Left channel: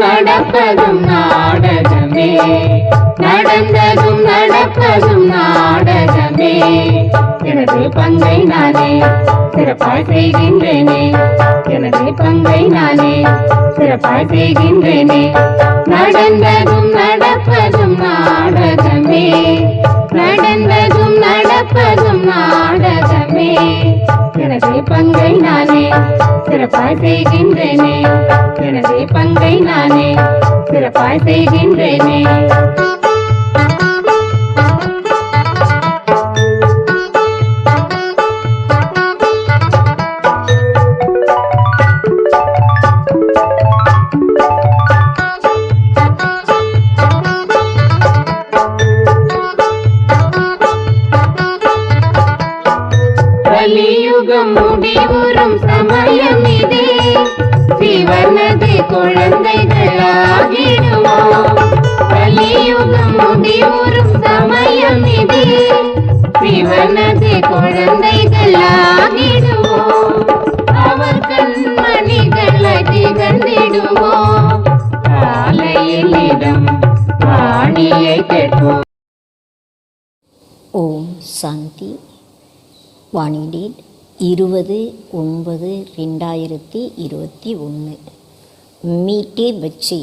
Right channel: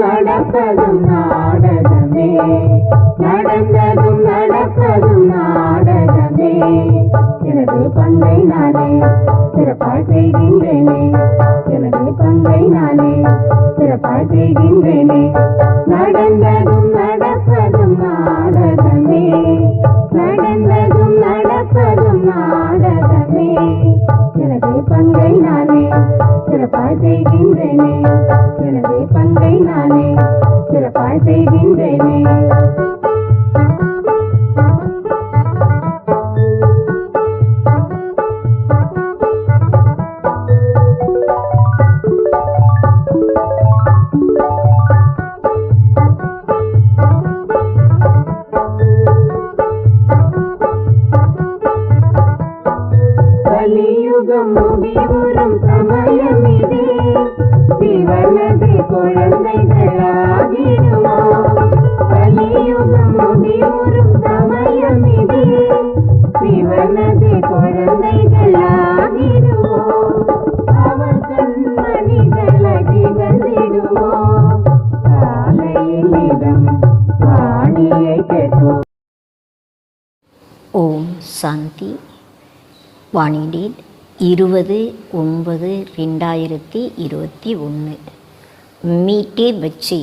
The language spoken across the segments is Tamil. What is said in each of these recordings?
நடப்பதும் நாடகமே, நடந்ததும் நடப்பதும் நாடகமே. எனது பங்கை நானே சிறப்பாய் செய்கின்றேனே, எனது பங்கை நானே சிறப்பாய் செய்கின்றேனே. நடந்ததும் நடப்பதும் நாடகமே, நடந்ததும் நடப்பதும் நாடகமே. எனது பங்கை நானே சிறப்பாய் செய்கின்றேனே, எனது பங்கை நானே சிறப்பாய் செய்கின்றேனே. கலியுகம் முடிவுறும் சமயம் இதே, சிவனது குழந்தைகளாகிடுவோம். கலியுகம் முடிவுறும் சமயம் இதே, சிவனது குழந்தைகளாகிடுவோம். அவர் கண்மணிகளாய் திகழ்ந்திடுவோம். காலையில் இடம் வாணியை கேட்போம். ஓம் சாந்தி. வாணி டேட் 20/9/2021। मीठे बच्चे,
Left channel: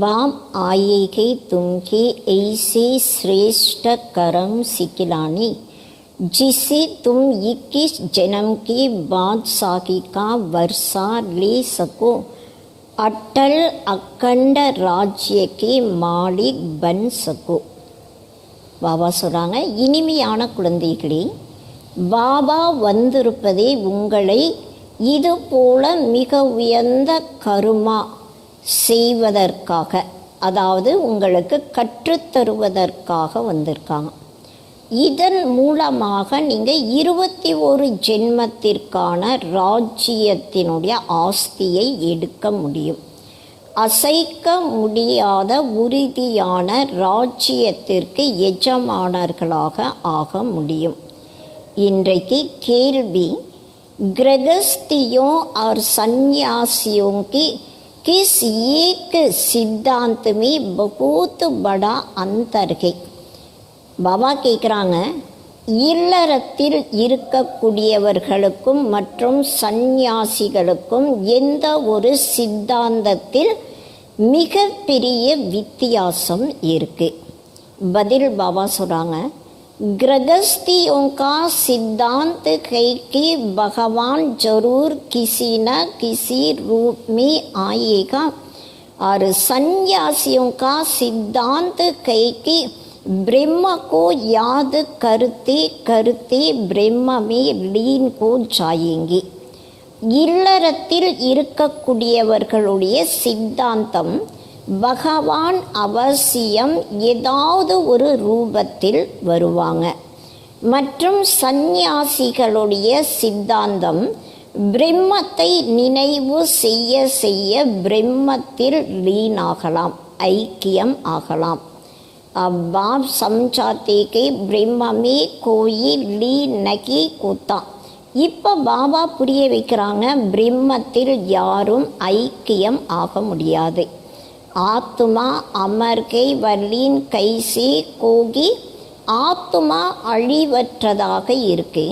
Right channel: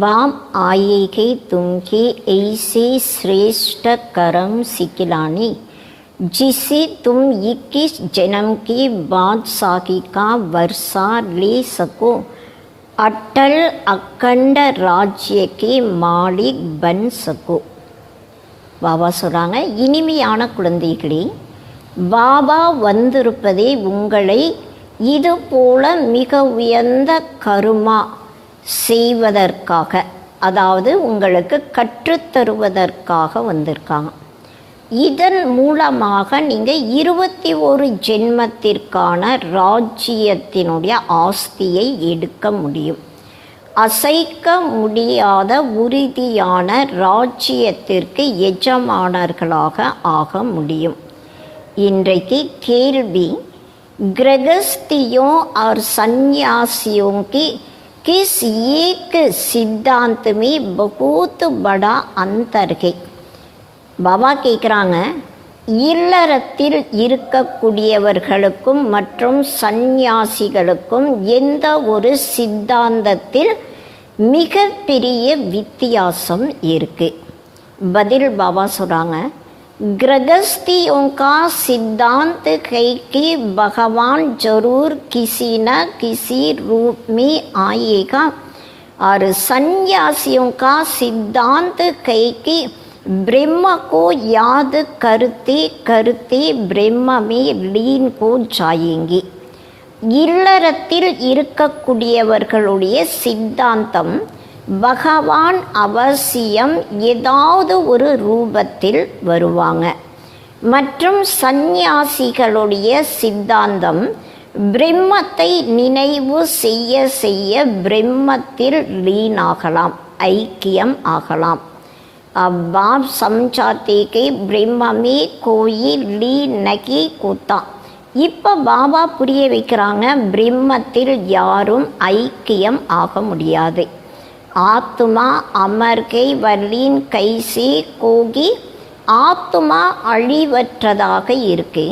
बाप आएगे तुमके ऐसे श्रेष्ठ कर्म सिखलाने जिसे तुम 21 जन्म के बादशाही का वर्षा ले सको, अटल अखंड राज्य के मालिक बन सको। பாபா சொல்கிறாங்க, இனிமையான குழந்தைகளே, பாபா வந்திருப்பதே உங்களை இது போல மிக உயர்ந்த கருமா செய்வதற்காக, அதாவது உங்களுக்கு கற்றுத்தருவதற்காக வந்திருக்காங்க. இதன் மூலமாக நீங்கள் 21 ஜென்மத்திற்கான ராஜ்யத்தினுடைய ஆஸ்தியை எடுக்க முடியும். அசைக்க முடியாத உறுதியான ராஜ்யத்திற்கு எஜமானர்களாக ஆக முடியும். இன்றைக்கு கேள்வி, गृहस्थियों और सन्यासियों की किस एक सिद्धांत में बहुत बड़ा अंतर है? பாபா கேட்குறாங்க, இல்லறத்தில் இருக்கக்கூடியவர்களுக்கும் மற்றும் சந்நியாசிகளுக்கும் எந்த ஒரு சித்தாந்தத்தில் மிகப்பெரிய வித்தியாசம் இருக்கு? பதில் பாபா சொல்கிறாங்க, गृहस्थियों का सिद्धांत है कि भगवान जरूर किसी न किसी रूप में आएगा, और सन्यासियों का सिद्धांत है कि ब्रह्म को याद करते करते ब्रह्म में लीन हो जाएंगे. இல்லறத்தில் இருக்கக்கூடியவர்களுடைய சித்தாந்தம், பகவான் அவசியம் ஏதாவது ஒரு ரூபத்தில் வருவாங்க. மற்றும் சந்நியாசிகளுடைய சித்தாந்தம், பிரம்மத்தை நினைவு செய்ய செய்ய பிரம்மத்தில் லீனாகலாம், ஐக்கியம் ஆகலாம். अब बाप समझाते कि ब्रह्म में कोई लीन नहीं होता. இப்போ பாபா புரிய வைக்கிறாங்க, பிரம்மத்தில் யாரும் ஐக்கியம் ஆக முடியாது. ஆத்மா அமர்கை வல்லீன் கைசி கோகி, ஆத்மா அழிவற்றதாக இருக்கு.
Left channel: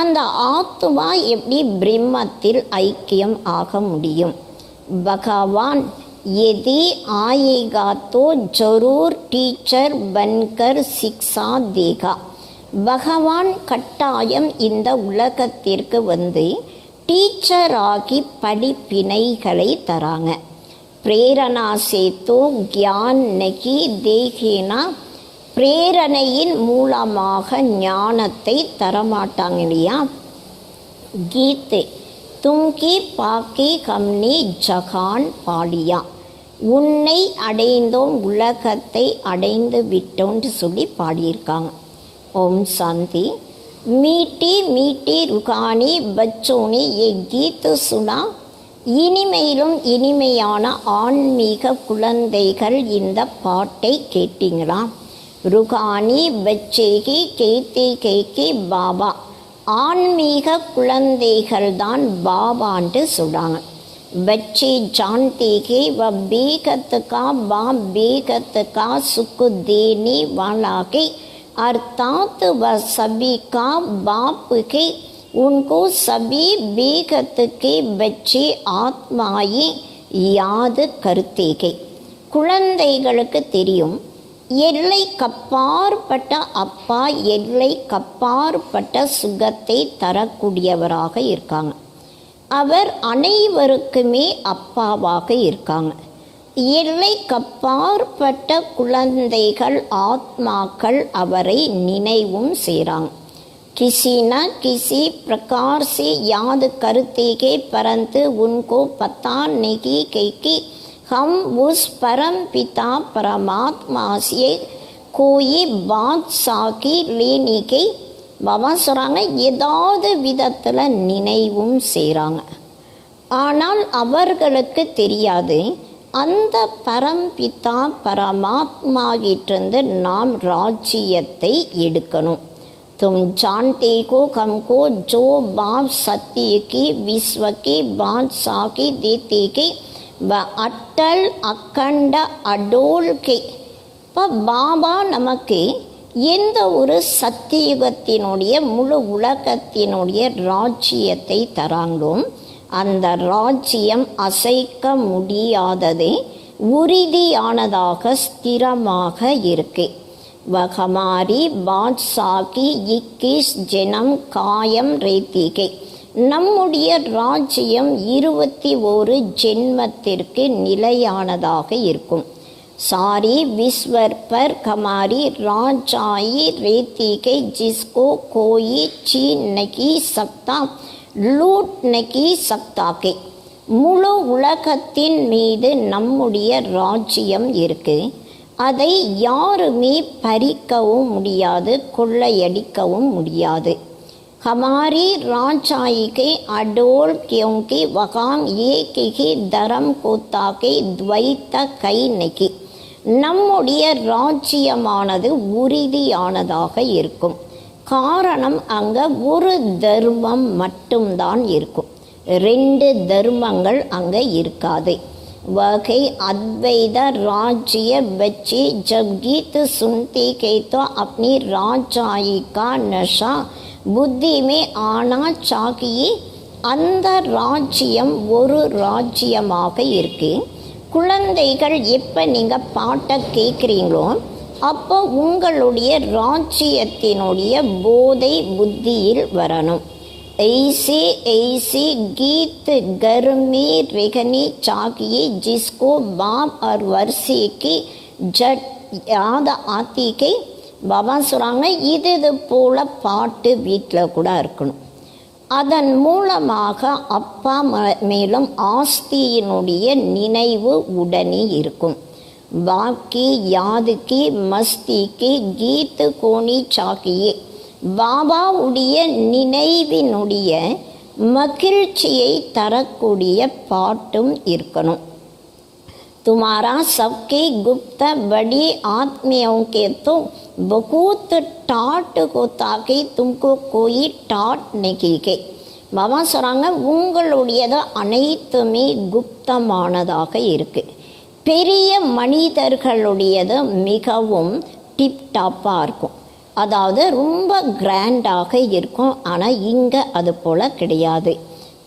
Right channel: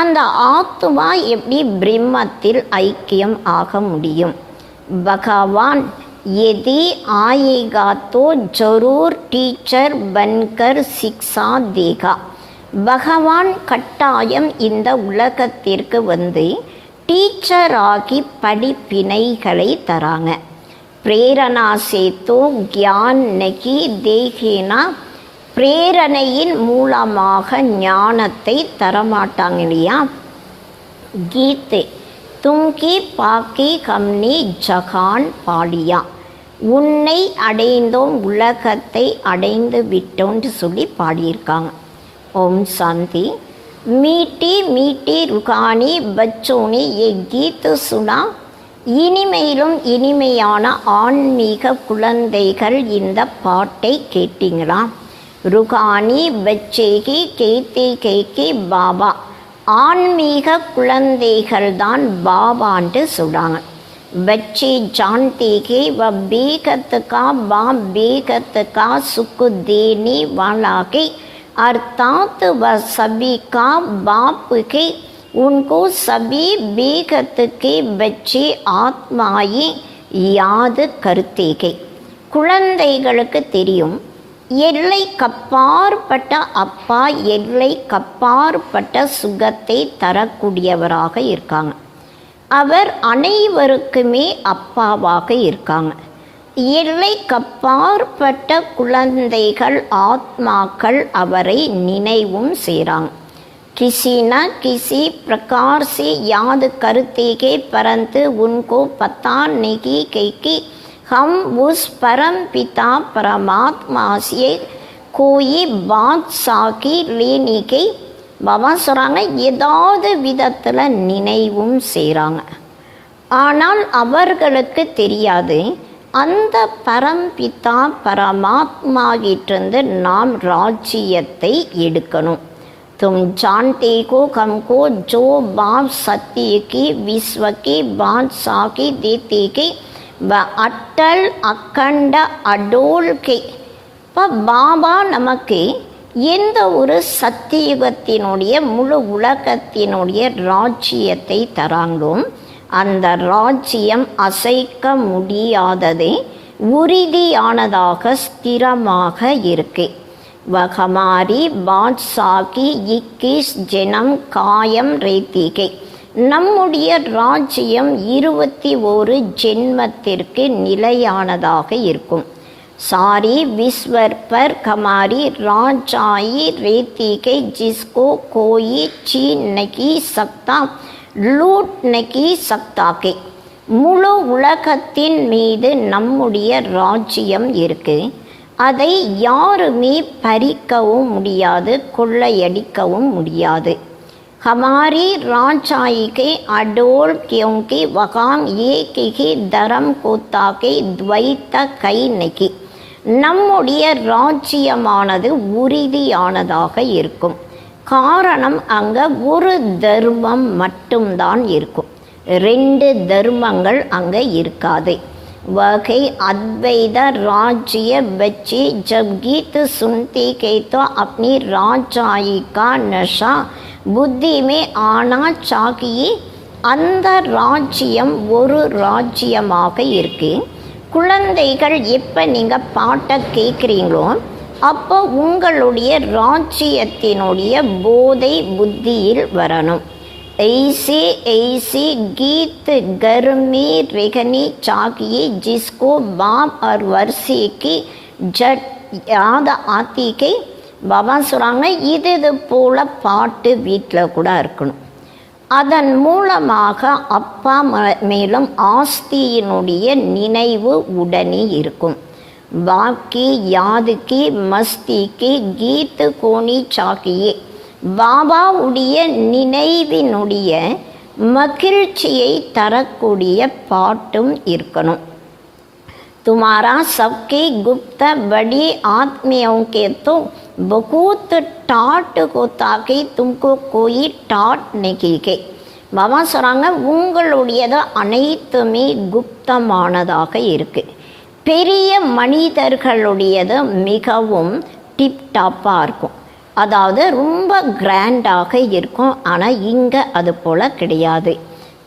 அந்த ஆத்மா எப்படி பிரம்மத்தில் ஐக்கியம் ஆக முடியும்? பகவான் यदि आएगा तो जरूर टीचर बनकर शिक्षा देगा. பகவான் கட்டாயம் இந்த உலகத்திற்கு வந்து டீச்சராகி படிப்பினைகளை தராங்க. பிரேரணா சேத்தோ கியான் நகி தேகேனா, பிரேரணையின் மூலமாக ஞானத்தை தரமாட்டாங்க இல்லையா? கீதை தும்கி பாக்கி கம்னி ஜகான் பாடியா, உன்னை அடைந்தோம் உலகத்தை அடைந்து விட்டோன்னு சொல்லி பாடியிருக்காங்க. ओम शांति। मीठी मीठी रुकानी बच्चों ने ये गीत सुना. இனிமையிலும் இனிமையான ஆன்மீக குழந்தைகள் இந்த பாட்டை கேட்டீங்களா? ருகானி பச்சேகி கேத்தி கேக்கி பாபா. ஆன்மீக குழந்தைகள் தான் பாபான்ட்டு சொல்கிறாங்க. बच्चे जानते कि वह बेगत का बाप बेगत का सुख देने वाला के अर्थात वह सभी का बाप के उनको सभी बेगत के बच्चे आत्माएं याद करते के. குழந்தைகளுக்கு தெரியும் எல்லை கப்பாற்பட்ட அப்பா எல்லை கப்பாற்பட்ட சுகத்தை தரக்கூடியவராக இருக்காங்க. அவர் அனைவருக்குமே அப்பாவாக இருக்காங்க. எல்லை கப்பாற்பட்ட குழந்தைகள் ஆத்மாக்கள் அவரை நினைவும் செய்கிறாங்க. किसी न किसी प्रकार से याद करते के परंतु उनको पता नहीं कि हम उस परम पिता परमात्मा से कोई बात साकी लेने के பாபா சொல்கிறாங்க. ஏதாவது விதத்தில் நினைவும் செய்கிறாங்க. ஆனால் அவர்களுக்கு தெரியாது அந்த பரம்பிதா பரமாத்மாவிட்டிருந்து நாம் ராஜ்யத்தை எடுக்கணும். तुम जानते को हमको जो बाप सत्य की विश्व की बादशाह की देते के व अटल अखंड अडोल के. இப்போ பாபா நமக்கு எந்த ஒரு சத்தியுகத்தினுடைய முழு உலகத்தினுடைய ராஜ்யத்தை தராங்களோ அந்த ராஜ்யம் அசைக்க முடியாதது, உறுதியானதாக ஸ்திரமாக இருக்கு. வகமாரி பாட்ஷாகி 21 ஜனம் காயம் ரேத்திகை. நம்முடைய ராஜ்யம் 21 ஜென்மத்திற்கு நிலையானதாக இருக்கும். सारी विश्वर पर हमारी राजाई रेती के जिसको कोई छीन नहीं सकता लूट नहीं सकता के. முழு உலகத்தின் மீது நம்முடைய ராஜ்யம் இருக்கு. அதை யாருமே பறிக்கவும் முடியாது, கொள்ளையடிக்கவும் முடியாது. हमारी राजाई के अडोल क्योंकि वहाँ एक ही धर्म होता के द्वैत कई नहीं. நம்முடைய ராஜ்யமானது உறுதியானதாக இருக்கும். காரணம் அங்கே ஒரு தர்மம் மட்டும்தான் இருக்கும், 2 தர்மங்கள் அங்கே இருக்காது. वही अद्वैत राज्य बच्चे जब गीत सुनते के तो अपनी राजाई का नशा புத்தி மே ஆனா சாகியே. அந்த ராஜ்யம் ஒரு ராஜ்யமாக இருக்கு. குழந்தைகள் எப்போ நீங்கள் பாட்டை கேட்குறீங்களோ அப்போ உங்களுடைய ராஜ்யத்தினுடைய போதை புத்தியில் வரணும். ऐसे ऐसे गीत घर में रहने चाहिए जिसको बाप और वर्षे की जट याद आती के. பாபா சொல்கிறாங்க இது போல் பாட்டு வீட்டில் கூட இருக்கணும். அதன் மூலமாக அப்பா மேலும் ஆஸ்தியினுடைய நினைவு உடனே இருக்கும். பாக்கி யாதுக்கு மஸ்திக்கு கீத்து கோணி சாக்கியே. பாபாவுடைய நினைவினுடைய மகிழ்ச்சியை தரக்கூடிய பாட்டும் இருக்கணும். तुम्हारा सबके गुप्त बड़ी आत्मियों के तो बहुत टाट होता कि तुमको कोई टाट नहीं के. பாபா சொல்கிறாங்க உங்களுடையது அனைத்துமே குப்தமானதாக இருக்கு. பெரிய மனிதர்களுடையது மிகவும் டிப்டாப்பாக இருக்கும், அதாவது ரொம்ப கிராண்டாக இருக்கும். ஆனால் இங்கே அது போல் கிடையாது.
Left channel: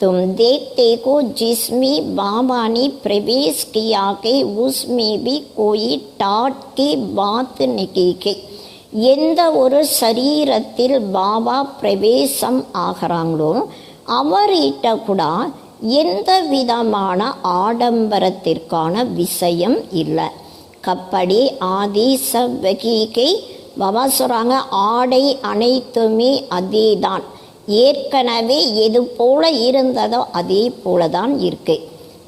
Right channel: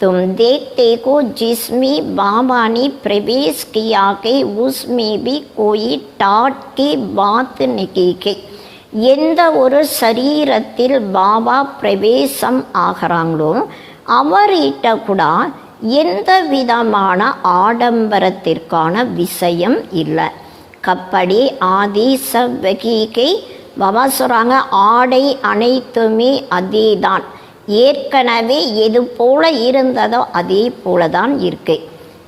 तुम देखते को जिसमें बाबा ने प्रवेश किया के उसमें भी कोई टाट की बात नहीं के. எந்த ஒரு சரீரத்தில் பாபா பிரவேசம் ஆகிறாங்களோ அவர்கிட்ட கூட எந்த விதமான ஆடம்பரத்திற்கான விஷயம் இல்லை. கப்படி ஆதி சவ்வகீகை. பாபா சொல்கிறாங்க ஆடை அனைத்துமே அதே தான், ஏற்கனவே எது போல இருந்ததோ அதே போல தான் இருக்கு.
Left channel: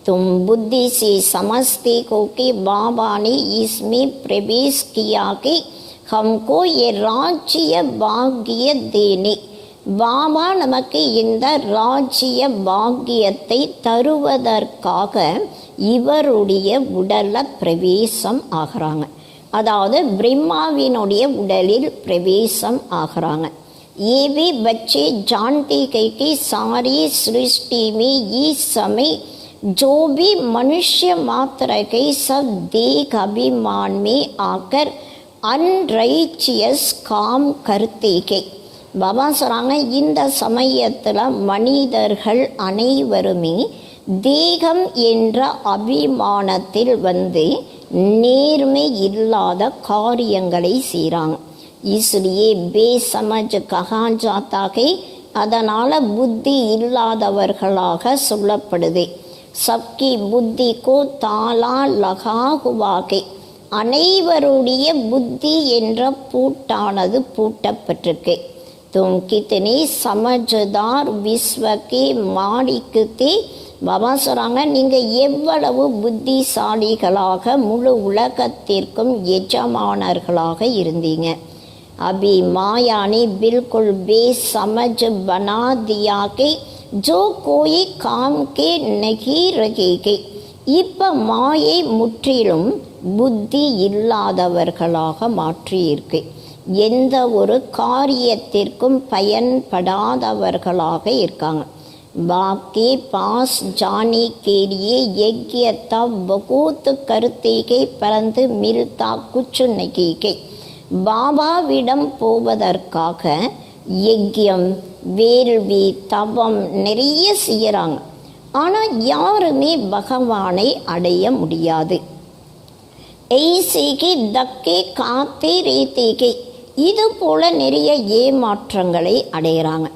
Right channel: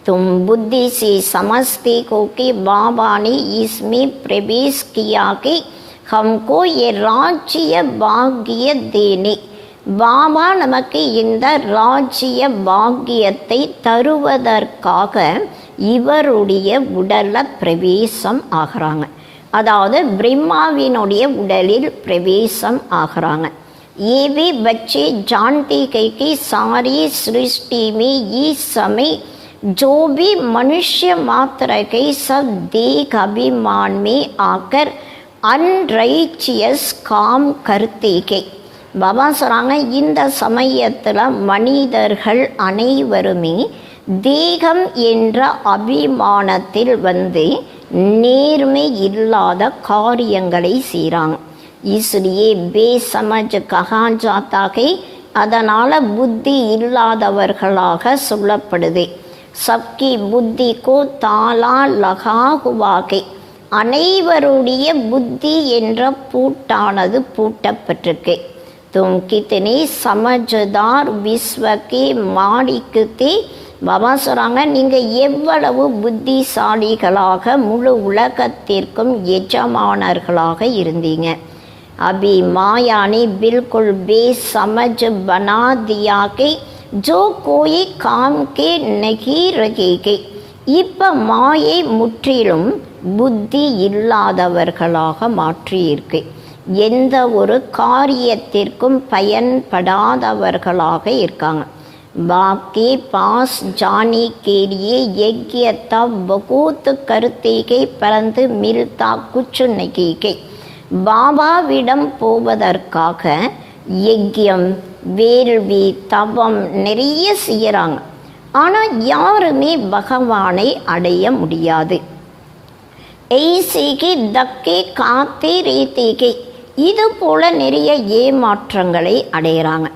तुम बुद्धि से समझते हो कि बाबा ने इसमें प्रवेश किया कि ஹம்கோ ஏ ராஜ்ய பாக்கிய தேனே. பாபா நமக்கு இந்த ராஜ்ய பாக்கியத்தை தருவதற்காக இவருடைய உடல்ல பிரவேசம் ஆகிறாங்க. அதாவது பிரம்மாவினுடைய உடலில் பிரவேசம் ஆகிறாங்க. ये भी बच्चे जानते हैं कि सारी सृष्टि में इस समय जो भी मनुष्य मात्र के सब देह अभिमान में आकर अनराइचियस काम करते हैं. பாபா சொல்கிறாங்க, இந்த சமயத்தில் மனிதர்கள் அனைவருமே தேகம் என்ற அபிமானத்தில் வந்து நேர்மை இல்லாத காரியங்களை செய்கிறாங்க. इसलिए बेसमझ कहा जाता है. அதனால் புத்தி இல்லாதவர்களாக சொல்லப்படுது. சப்கி புத்தி கோ தாலா லகா ஹுவாகே. அனைவருடைய புத்தி என்ற பூட்டானது பூட்டப்பட்டிருக்கு. தும் கித்தனே சமஜ்தார் விஸ்வகே மாடிக்குத்தே. பாபா சொல்கிறாங்க, நீங்கள் எவ்வளவு புத்திசாலிகளாக முழு உலகத்திற்கும் எஜமானர்களாக இருந்தீங்க. अभी माया ने बिल्कुल बेसमझ बना दिया कि जो कोई काम के नहीं रहेगे. இப்போ மாயை முற்றிலும் புத்தி இல்லாதவர்களாக மாற்றியிருக்கு. எந்த ஒரு காரியத்திற்கும் பயன்படாதவர்களாக இருக்காங்க. बाकी पास जाने के लिए यज्ञता बहुत करते हैं परंतु मिलता कुछ नहीं है. பாபாவிடம் போவதற்காக யஜ்யம் வேள்வி தவம் நிறைய செய்யறாங்க. ஆனால் யாருமே பகவானை அடைய முடியாது. ஐசேகே தக்கே காத்தே ரேத்தேகே. இது போல நிறைய ஏமாற்றங்களை அடைகிறாங்க.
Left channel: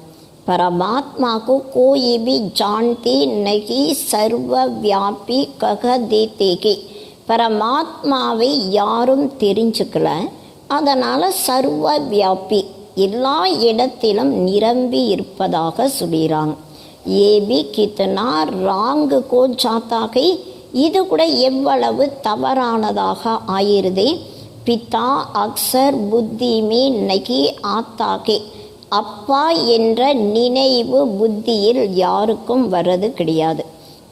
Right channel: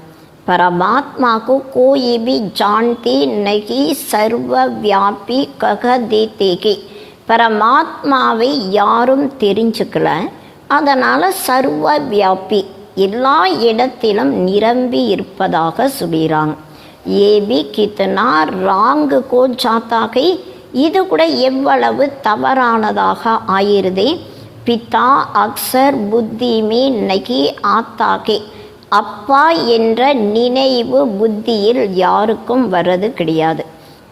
परमात्मा को कोई भी जानते नहीं सर्वव्यापी कह देते के. பரமாத்மாவை யாரும் தெரிஞ்சுக்கல, அதனால் சர்வ வியாபி எல்லா இடத்திலும் நிரம்பி இருப்பதாக சொல்கிறாங்க. ஏபி கித்தனா ராங்கு கோ ஜாத்தாகை. இது கூட எவ்வளவு தவறானதாக ஆயிருதே. பிதா அக்சர் புத்தி மே நகி ஆத்தாகே. அப்பா என்ற நினைவு புத்தியில் யாருக்கும் வர்றது கிடையாது.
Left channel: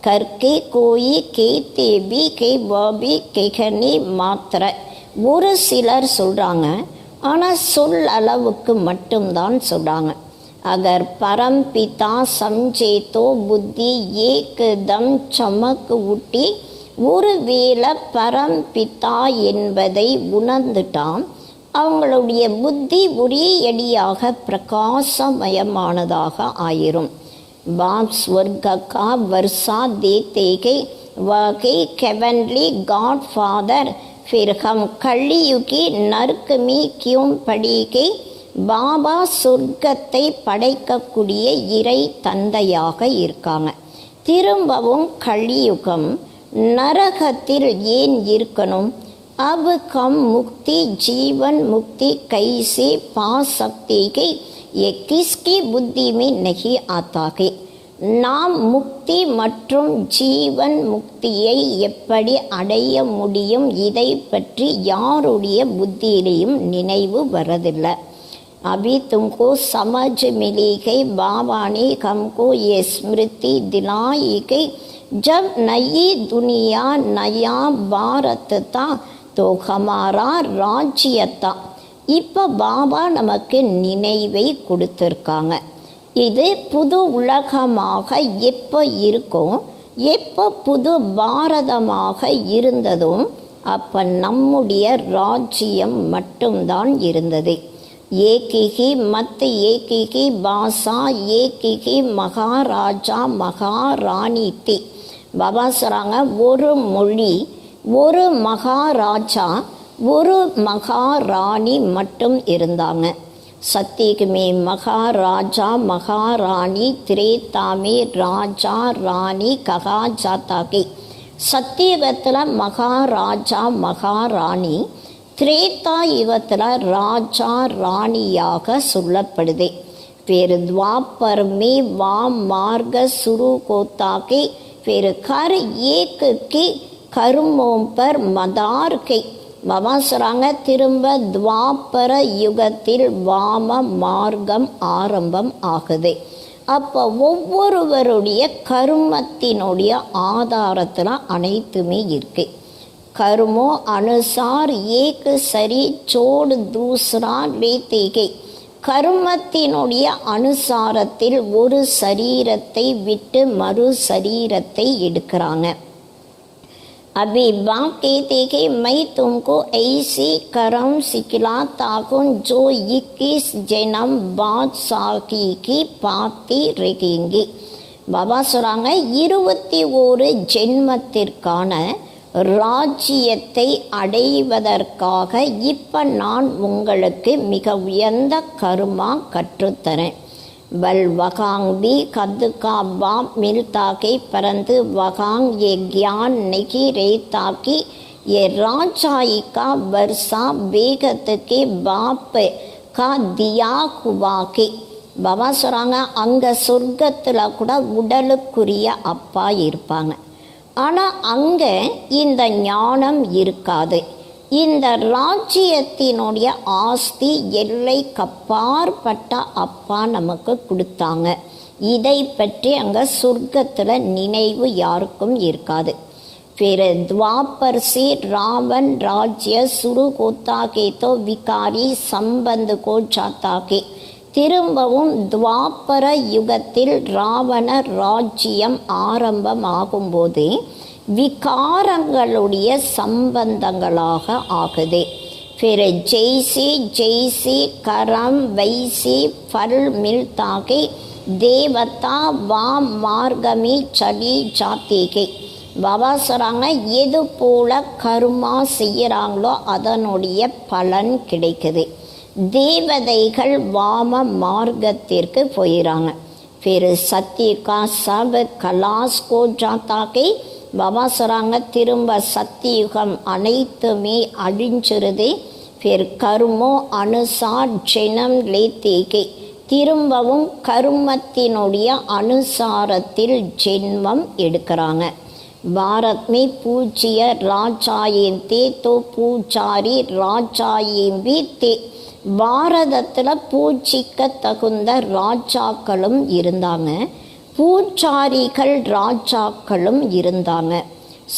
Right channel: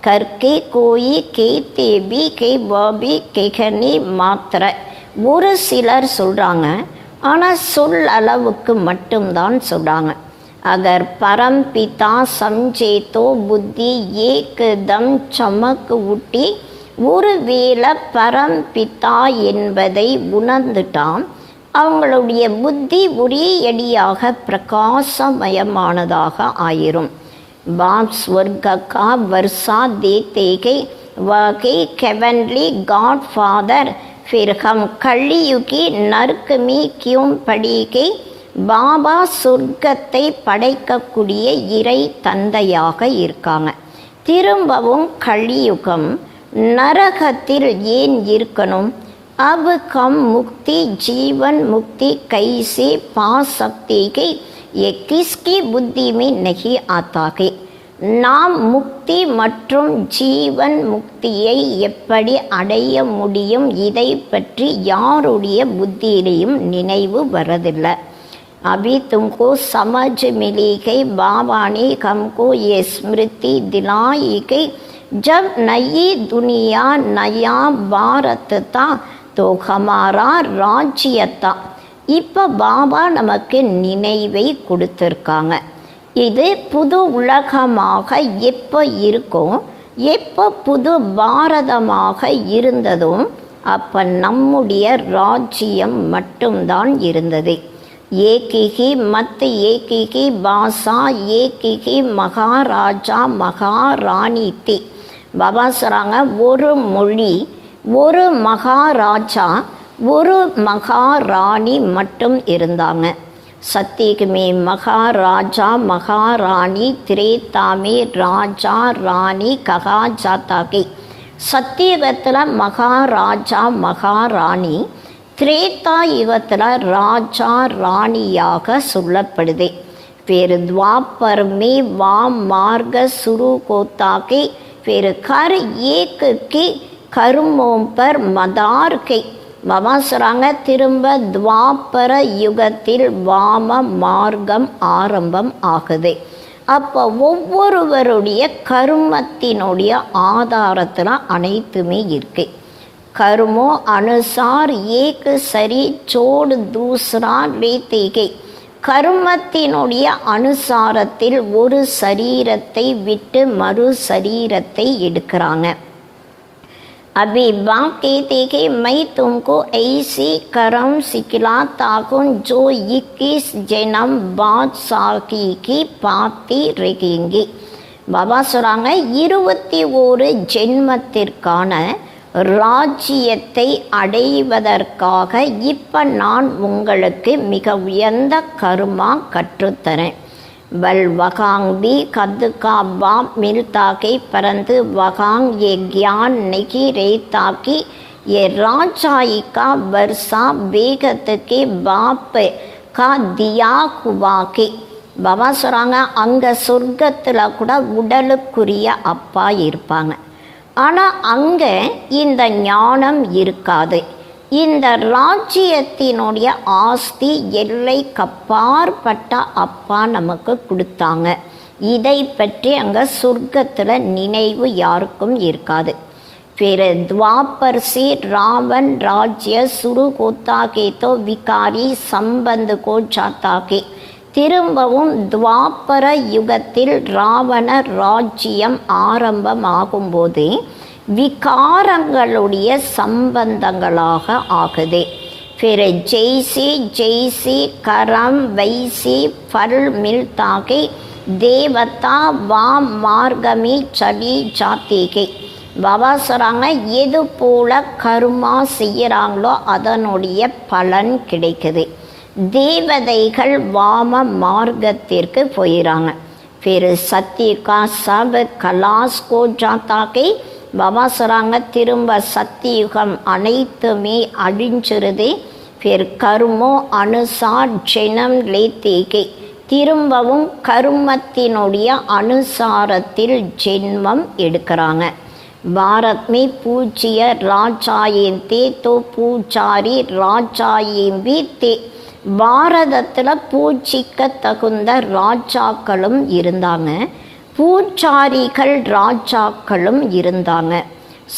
கற்கே கோயி கே தேபி கே பாபி கேகனி மாத்திர. ஒரு சிலர் சொல்கிறாங்க, ஆனால் சொல் அளவுக்கு மட்டும்தான் சொல்கிறாங்க. அகர் பரம் பிதா சம்ஜேதோ புத்தி ஏகதம் சமக்கு ஊட்டி. ஒருவேளை பரம் பிதா என்பதை உணர்ந்துட்டான், அவங்களுடைய புத்தி ஒரே அடியாக பிரகாசமயமானதாக ஆயிரும். பாப் ஸ்வர்க கா வர்ஷா தேத்தேகை வகை கெவன்லி காட் ஃபாதர் फिर हम கலியுகி நறுக்குமி கியும் படிகை. பாபா சொர்க்கத்தை படைக்கக்கூடிய இறை தந்தையாக இருக்காங்க. திரும்பவும் கலியுகம் நரகத்தில் ஏன் இருக்கணும்? अब हम मुक्ति जीवन मुक्ति कैसे पा सकते हैं, ये किसकी बुद्धि में नहीं आता है. நாம் முக்தி மற்றும் ஜீவன் முக்தியை எப்படி அடைய முடியும், இதை பற்றி யாருடைய புத்தியிலையும் நினைவு வரதில்லை. अभी तुमको समझ मिली है. बाबा ने हमको ये स्मृति दिलाई कि जब नई दुनिया नया भारत था तो हमारा राज्य था. இப்போ பாபா நமக்கு நினைவை கொடுத்துருக்காங்க. இது புது உலகமாக எப்போ இருக்கும், எப்போ புது பாரதமாக இருந்ததும் அப்போ நம்முடைய ராஜ்யம் மட்டும்தான் இருந்தது. ஏகிகி மத் ஏகிகி பாஷா ஏகிகி மகாராஜா மகாராணி தி. பாபா சொல்கிறாங்க, ஒரு மொழி, ஒரு மகாராஜா, ஒரு மகாராணி மட்டும் இருந்தாங்க. सत्युग में महाराजा महारानी, त्रेता में राजा रानी कहा जाता है. சத்தியுகத்தில் மகாராஜா மகாராணி, திரேதா யுகத்தில் ராஜா ராணியாக சொல்லப்படுது. फिर द्वापर में वाम मार्ग शुरू होता है. फिर हर एक के कर्मों पर मदार है. பாபா சொல்கிறாங்க திரும்ப துவாபர யுகத்தில் வாம மார்க்கம் ஆரம்பம் ஆகுது. அப்போ ஒவ்வொருவருடைய கர்மத்தினுடைய ஆதாரத்தில் அனைத்துமே இருக்கு. கர்மோ அனுசார் ஏக் சரி சோடு தூசரா லேத்தேகை. கர்மத்தினுடைய அனுசாரத்தில் ஒரு சரீரத்தை விட்டு மறு சரீரத்தை எடுக்கிறாங்க. अभी बाप कहते कि मैं तुमको ऐसी कर्म सिखलाता हूँ जो 21 जन्म बाद साकी की पाती रहेंगी. பாபா சொல்கிறாங்க 21 ஜென்மத்திற்கான ராஜ்யத்தை அடைவதற்காக இப்போ நான் உங்களுக்கு மிக உயர்ந்த கர்மா கற்றுத்தரேன். बल वकांग भी कद का बाप मिलता के परंतु वकांग ये ज्ञान नहीं रहता कि ये राजाई का वर्षा बेगत के बाप का दिया हुआ के. பாபா சொல்கிறாங்க அங்கே சொர்க்கத்தில் கூட உடலுக்குரிய அப்பா இருப்பாங்க. ஆனால் அங்கே இந்த ஞானம் இருக்காது. இந்த ராஜ்யத்தினுடைய ஆஸ்தி எல்லை கப்பாற்பட்ட அப்பா நமக்கு கொடுத்தாங்க. இதை பற்றி அங்கே சொர்க்கத்தில் நினைவு யாருக்கும் இருக்காது. फिर द्वापर से रावण राज्य शुरू होता के तो विकारी संबंध को जाता के. திரும்பவும் துவாபர யுகத்தில் ராவண ராஜ்யம் ஆரம்பமாகும்போது விகாரங்களுடைய சம்பந்தங்களாக ஆகுது. फिर जैसे जैसे करम वैसे फल मिलता के देवता वाम मार्ग में चली जाती के. பாபா சொல்கிறாங்க எது போல கர்மா செய்கிறாங்களோ அதனுடைய பலன் கிடைக்குது. தேவதைகள் வாம மார்க்கத்திற்கு போயிறாங்க. फिर सत्य का सब कलाश को जाता के. பாபா சொல்கிறாங்க திரும்ப சத்தியுகம் அனைத்துமே அழிஞ்சிருது. फिर கர்மோ அனுசார் ஜெனம் லேத்தேகே. திரும்பவும் கர்மத்தினுடைய அனுசாரத்தில் ஜென்மம் எடுக்கிறாங்க. भारत में पूज्य ராஜாயேன் தே தோ பூஜாரி ராஜாயேன் भी தே. பாரதத்தில் பூஜிக்க தகுந்த ராஜாக்களும் இருந்தாங்க, பூஜாரிகள் ராஜாக்களும் இருந்தாங்க.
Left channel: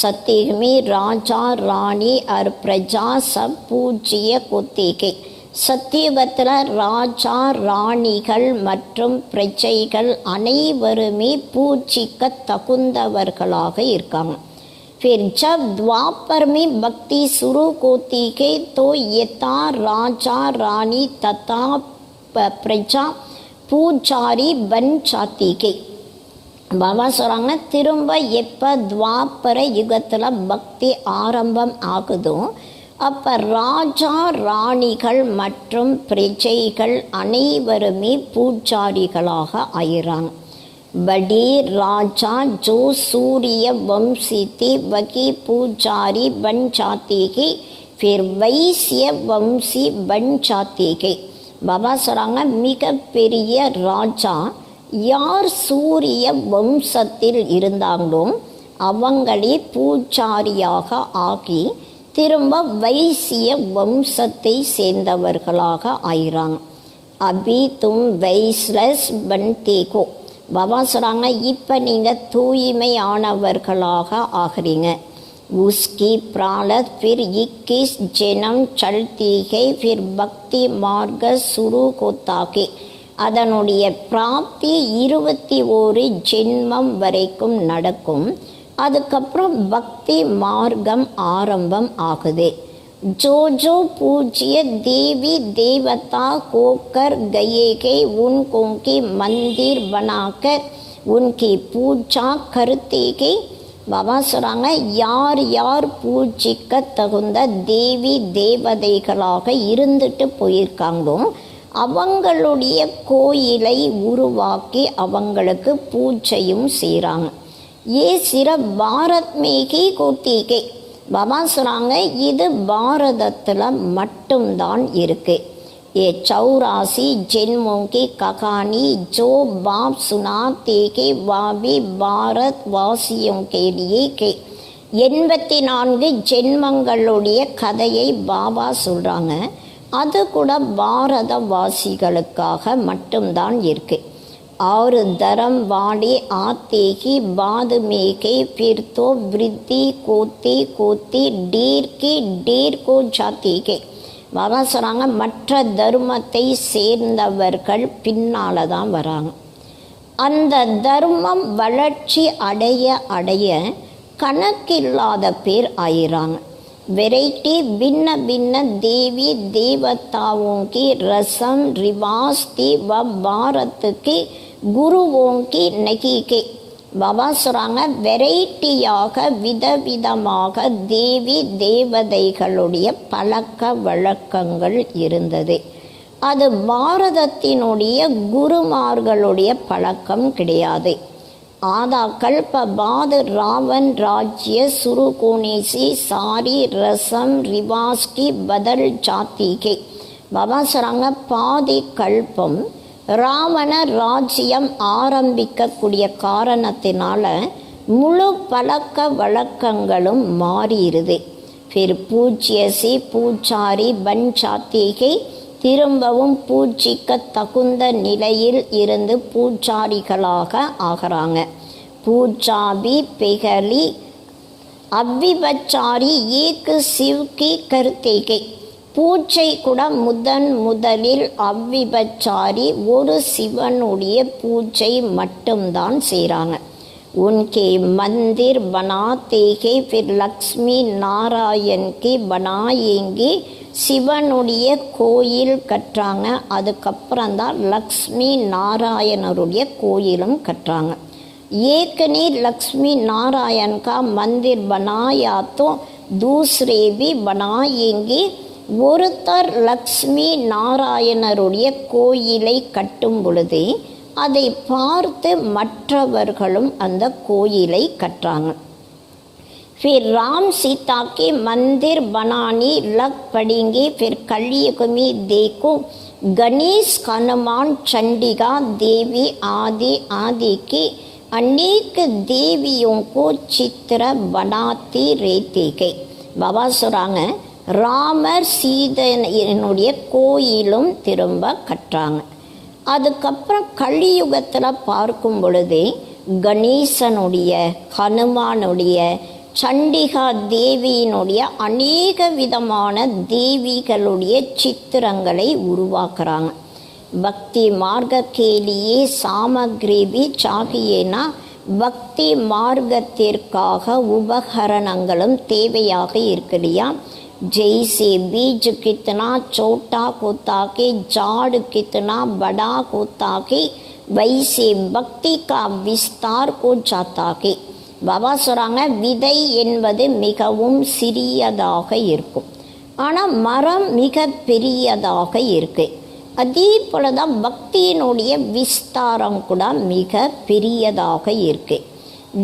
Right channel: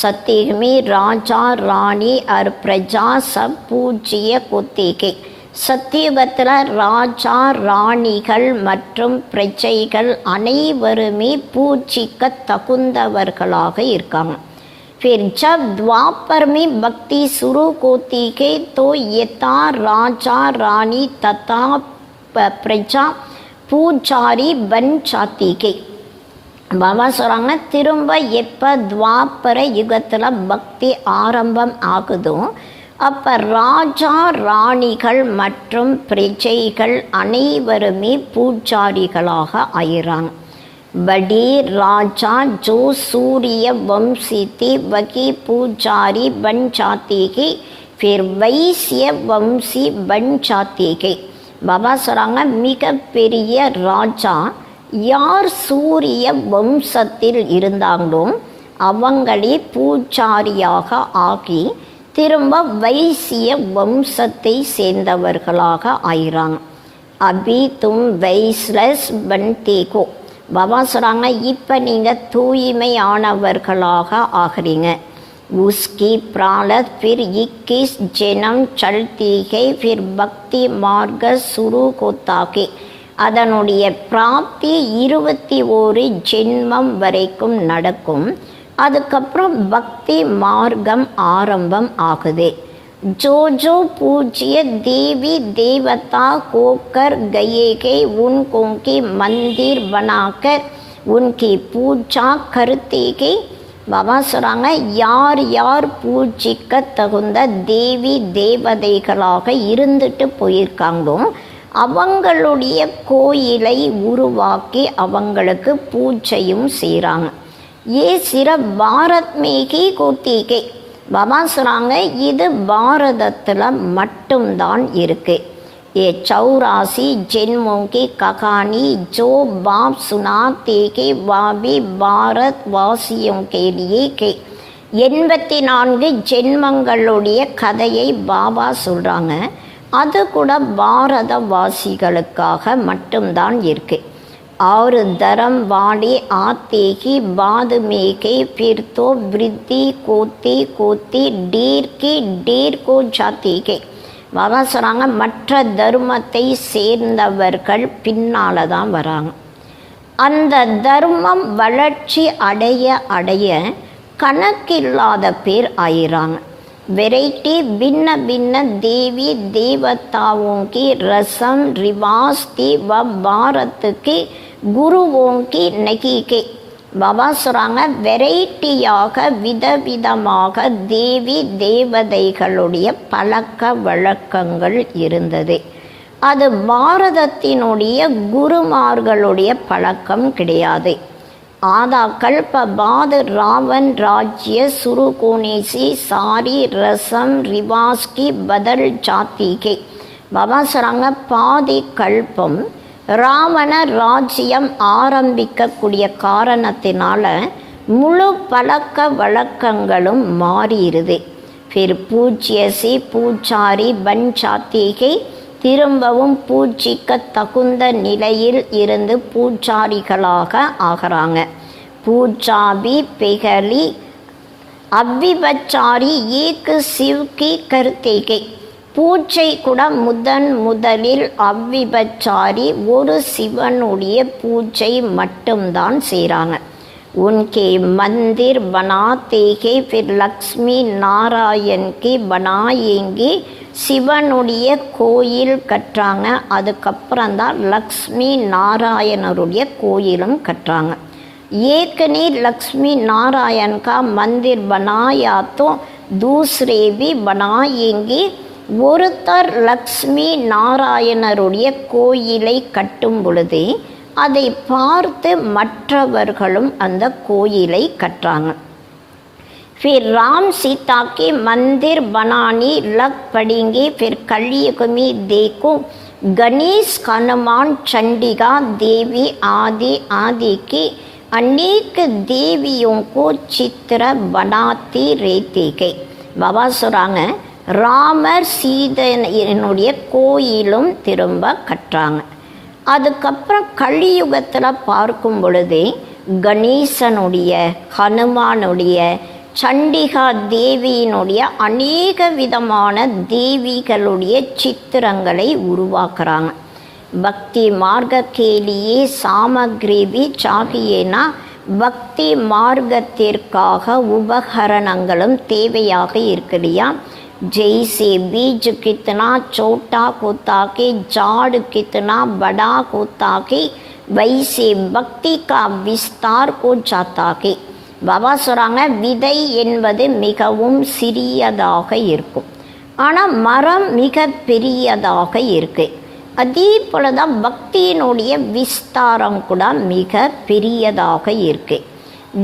சத்தியமே ராஜா ராணி और प्रजा सब பூஜ்ய கொத்தேகே. சத்தியுகத்தில் ராஜா ராணிகள் மற்றும் பிரஜைகள் அனைவருமே பூஜிக்க தகுந்தவர்களாக இருக்காங்க. फिर जब द्वापर में भक्ति शुरू होती है तो यथा राजा रानी तथा प्रजा பூஜாரி பன் சாத்தி கே. பாபா சொல்கிறாங்க திரும்ப எப்போ துவாபர யுகத்தில் பக்தி ஆரம்பம் ஆகுதோ அப்போ ராஜா ராணிகள் மற்றும் பிரஜைகள் அனைவருமே பூஜாரிகளாக ஆயிறாங்க. बड़ी राजा जो सूर्य वंशी थी वही पूजारी बन जाती है. फिर वैश्य वंशी बन जाती है. பாபா சொல்கிறாங்க மிகப்பெரிய ராஜா யார் சூரிய வம்சத்தில் இருந்தாங்களோ அவங்களே பூஜாரியாக ஆகி திரும்ப வைசிய வம்சத்தை சேர்ந்தவர்களாக ஆயிறாங்க. அபி தும் வைஸ்லஸ் பன்தேகோ. பாபா சொல்கிறாங்க இப்போ நீங்கள் தூய்மையானவர்களாக ஆகிறீங்க. उसकी प्रारब्ध फिर 21 जन्म चलती है. फिर भक्ति मार्ग शुरू होता है. அதனுடைய பிராப்தி 21 ஜென்மம் வரைக்கும் நடக்கும். அதுக்கப்புறம் பக்தி மார்க்கம் ஆரம்பம் ஆகுது. जो जो पूज्य देवी देवता होकर गए हैं उनको के मंदिर बनाकर उनकी पूजा करते हैं. பாபா சொல்கிறாங்க யார் யார் பூஜிக்க தகுந்த தேவி தேவதைகளாக இருந்துட்டு போயிருக்காங்களோ அவங்களுடைய கோயிலை உருவாக்கி அவங்களுக்கு பூஜையும் செய்கிறாங்க. ஏ சிற பாரத் மேகி கோத்திகை. பாபா சொல்கிறாங்க இது பாரதத்தில் மட்டும்தான் இருக்கு. ये 84 जन्मों की कहानी जो बाप सुनाते के वह भी भारत वासियों के लिए के. 84 ஜென்மங்களுடைய கதையை பாபா சொல்கிறாங்க. அது கூட பாரதவாசிகளுக்காக மட்டும்தான் இருக்கு. 6 தரம் வாடி ஆத்தேகி பாதுமேகை பிர்தோ விருத்தி கோத்தி கோத்தி டீர்கி டீர்கோ ஜாத்தேகே. பாபா சொல்கிறாங்க, மற்ற தர்மத்தை சேர்ந்தவர்கள் பின்னால் தான் வராங்க. அந்த தர்மம் வளர்ச்சி அடைய அடைய கணக்கில்லாத பேர் ஆயிராங்க. வெரைட்டி भिन्न भिन्न देवी देवताओं की रसम रिवाज की व भारत के गुरुओं की नहीं के. பாபா சொல்கிறாங்க, வெரைட்டியாக விதவிதமாக தேவி தேவதைகளுடைய பழக்க வழக்கங்கள் இருந்தது. அது பாரதத்தினுடைய குருமார்களுடைய பழக்கம் கிடையாது. आधा कल्प बाद रावण राज्य शुरू होने से सारी रसम रिवाज की बदल जाती है. பாபா சொல்கிறாங்க, பாதி கல்பம் ராவண ராஜ்யம் ஆரம்பிக்கக்கூடிய காரணத்தினால முழு பழக்க வழக்கங்களும் மாறிடுது. फिर पूज्य से பூஜாரி பன் जाती है. திரும்பவும் பூஜிக்க தகுந்த நிலையில் இருந்து பூஜாரிகளாக ஆகிறாங்க. பூஜாபி பெகலி அவ்விபச்சாரி ஏக் சிவ்கி கருத்தேகை. பூஜை கூட முதலில் அவ்விபச்சாரி ஒரு சிவனுடைய பூஜை மட்டும்தான் செய்கிறாங்க. उनके मंदिर बनाते हैं, फिर लक्ष्मी नारायण की बनाएंगे. சிவனுடைய கோயில் கட்டுறாங்க, அதுக்கப்புறம்தான் லக்ஷ்மி நாராயணருடைய கோயிலும் கட்டுறாங்க. ஏற்கனவே லக்ஷ்மி நாராயண் கா மந்திர் बनाया तो दूसरे भी बनाएंगे. ஒருத்தர் லக்ஷ்மி நாராயணருடைய கோயிலை கட்டும் பொழுது அதை பார்த்து மற்றவர்களும் அந்த கோயிலை கட்டுறாங்க. फिर राम सीता के मंदिर बनाने लग पड़ेंगे. फिर कलयुग में देखो गणेश हनुमान चंडिका देवी आदि आदि के अनेक देवियों को चित्र बनाते रहते गए. பாபா சொல்கிறாங்க, ராமர் சீதையினுடைய கோயிலும் திரும்ப கட்டுறாங்க. அதுக்கப்புறம் கலியுகத்தில் பார்க்கும் பொழுது கணேசனுடைய ஹனுமானுடைய சண்டிகா தேவியினுடைய அநேக விதமான தேவிகளுடைய சித்திரங்களை உருவாக்குறாங்க. பக்தி மார்க்க கேலியே சாமக்ரி சாகியேனா. பக்தி மார்க்கத்திற்காக உபகரணங்களும் தேவையாக இருக்கு இல்லையா. जैसे बीज कितना छोटा होता के झाड़ कितना बड़ा होता के वैसे भक्ति का विस्तार हो जाता के. பாபா சொல்கிறாங்க, விதை என்பது மிகவும் சிறியதாக இருக்கும், ஆனால் மரம் மிக பெரியதாக இருக்கு. அதே போல தான் பக்தியினுடைய விஸ்தாரம் கூட மிக பெரியதாக இருக்கு.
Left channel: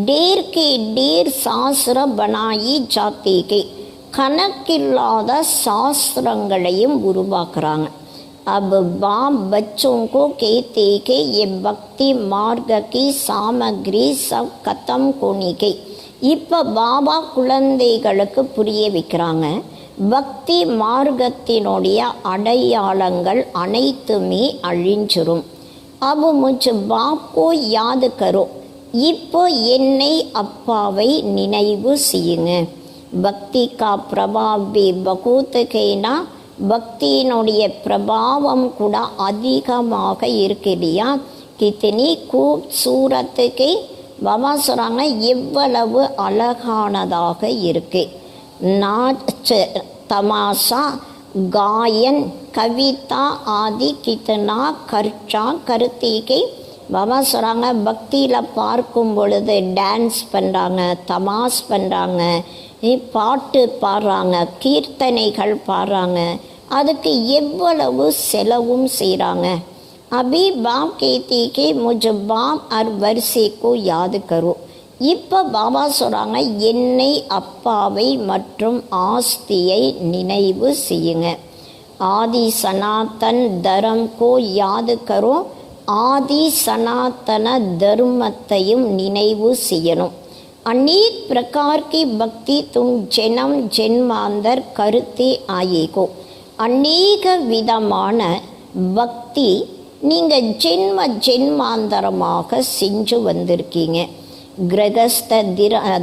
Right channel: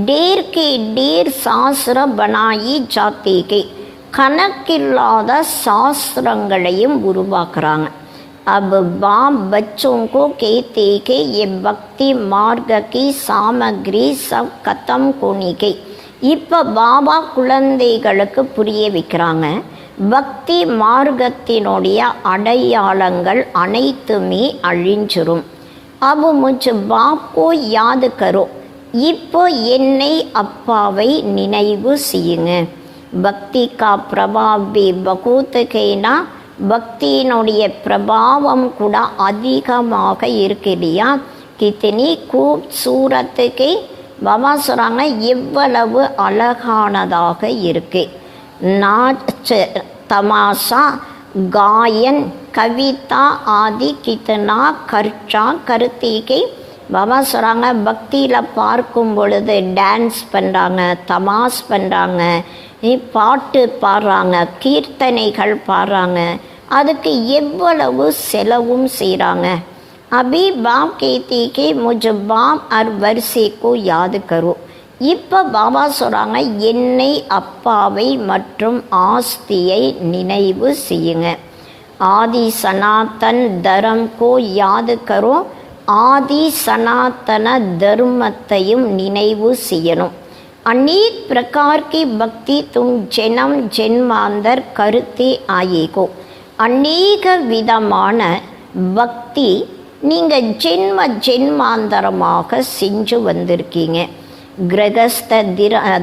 டேர் கே டேர் சாஸ்திர பனாயி ஜாத்தேகே. கணக்கில்லாத சாஸ்திரங்களையும் உருவாக்குறாங்க. अब बाप बच्चों को कहते कि ये भक्ति मार्ग की सामग्री सब खत्म होने गई. இப்போ பாபா குழந்தைகளுக்கு புரிய வைக்கிறாங்க, பக்தி மார்க்கத்தினுடைய அடையாளங்கள் அனைத்துமே அழிஞ்சிரும். अब मुझ बाप को याद करो. இப்போ என்னை அப்பாவை நினைவு செய்யுங்க. பக்தி கா பிரபாவ் பி பகூத் கேனா. பக்தியினுடைய பிரபாவம் கூட அதிகமாக இருக்கு இல்லையா. கித்தனி கூப்சூரத்துக்கு பாபா சொல்கிறாங்க, எவ்வளவு அழகானதாக இருக்கு. நாச் தமாஷா காயன் கவிதா ஆதி கித்தனா கர்ச்சா கருத்திகை. பாபா சொல்கிறாங்க, பக்தியில் பார்க்கும் பொழுது டான்ஸ் பண்ணுறாங்க, தமாஷ் பண்ணுறாங்க, பாட்டு பாடுறாங்க, கீர்த்தனைகள் பாடுறாங்க, அதுக்கு எவ்வளவு செலவும் செய்கிறாங்க. அபி பாப் கேத்தி கி முझ பாப் அர் வரிசைக்கு யாது கரு. இப்போ பாபா சொல்கிறாங்க, என்னை அப்பாவை மற்றும் ஆஸ்தியை நினைவு செய்யுங்க. ஆதி சனாதன் தரம் கோ யாது கரோ. ஆதி சனாதன தர்மத்தையும் நினைவு செய்யணும். अनेक प्रकार की भक्ति तुम जन्म जन्मांतर करते आएगो. अनेक விதமான பக்தி நீங்க ஜென்ம ஜென்மாந்தரமாக செஞ்சு வந்திருக்கீங்க. கிரகஸ்த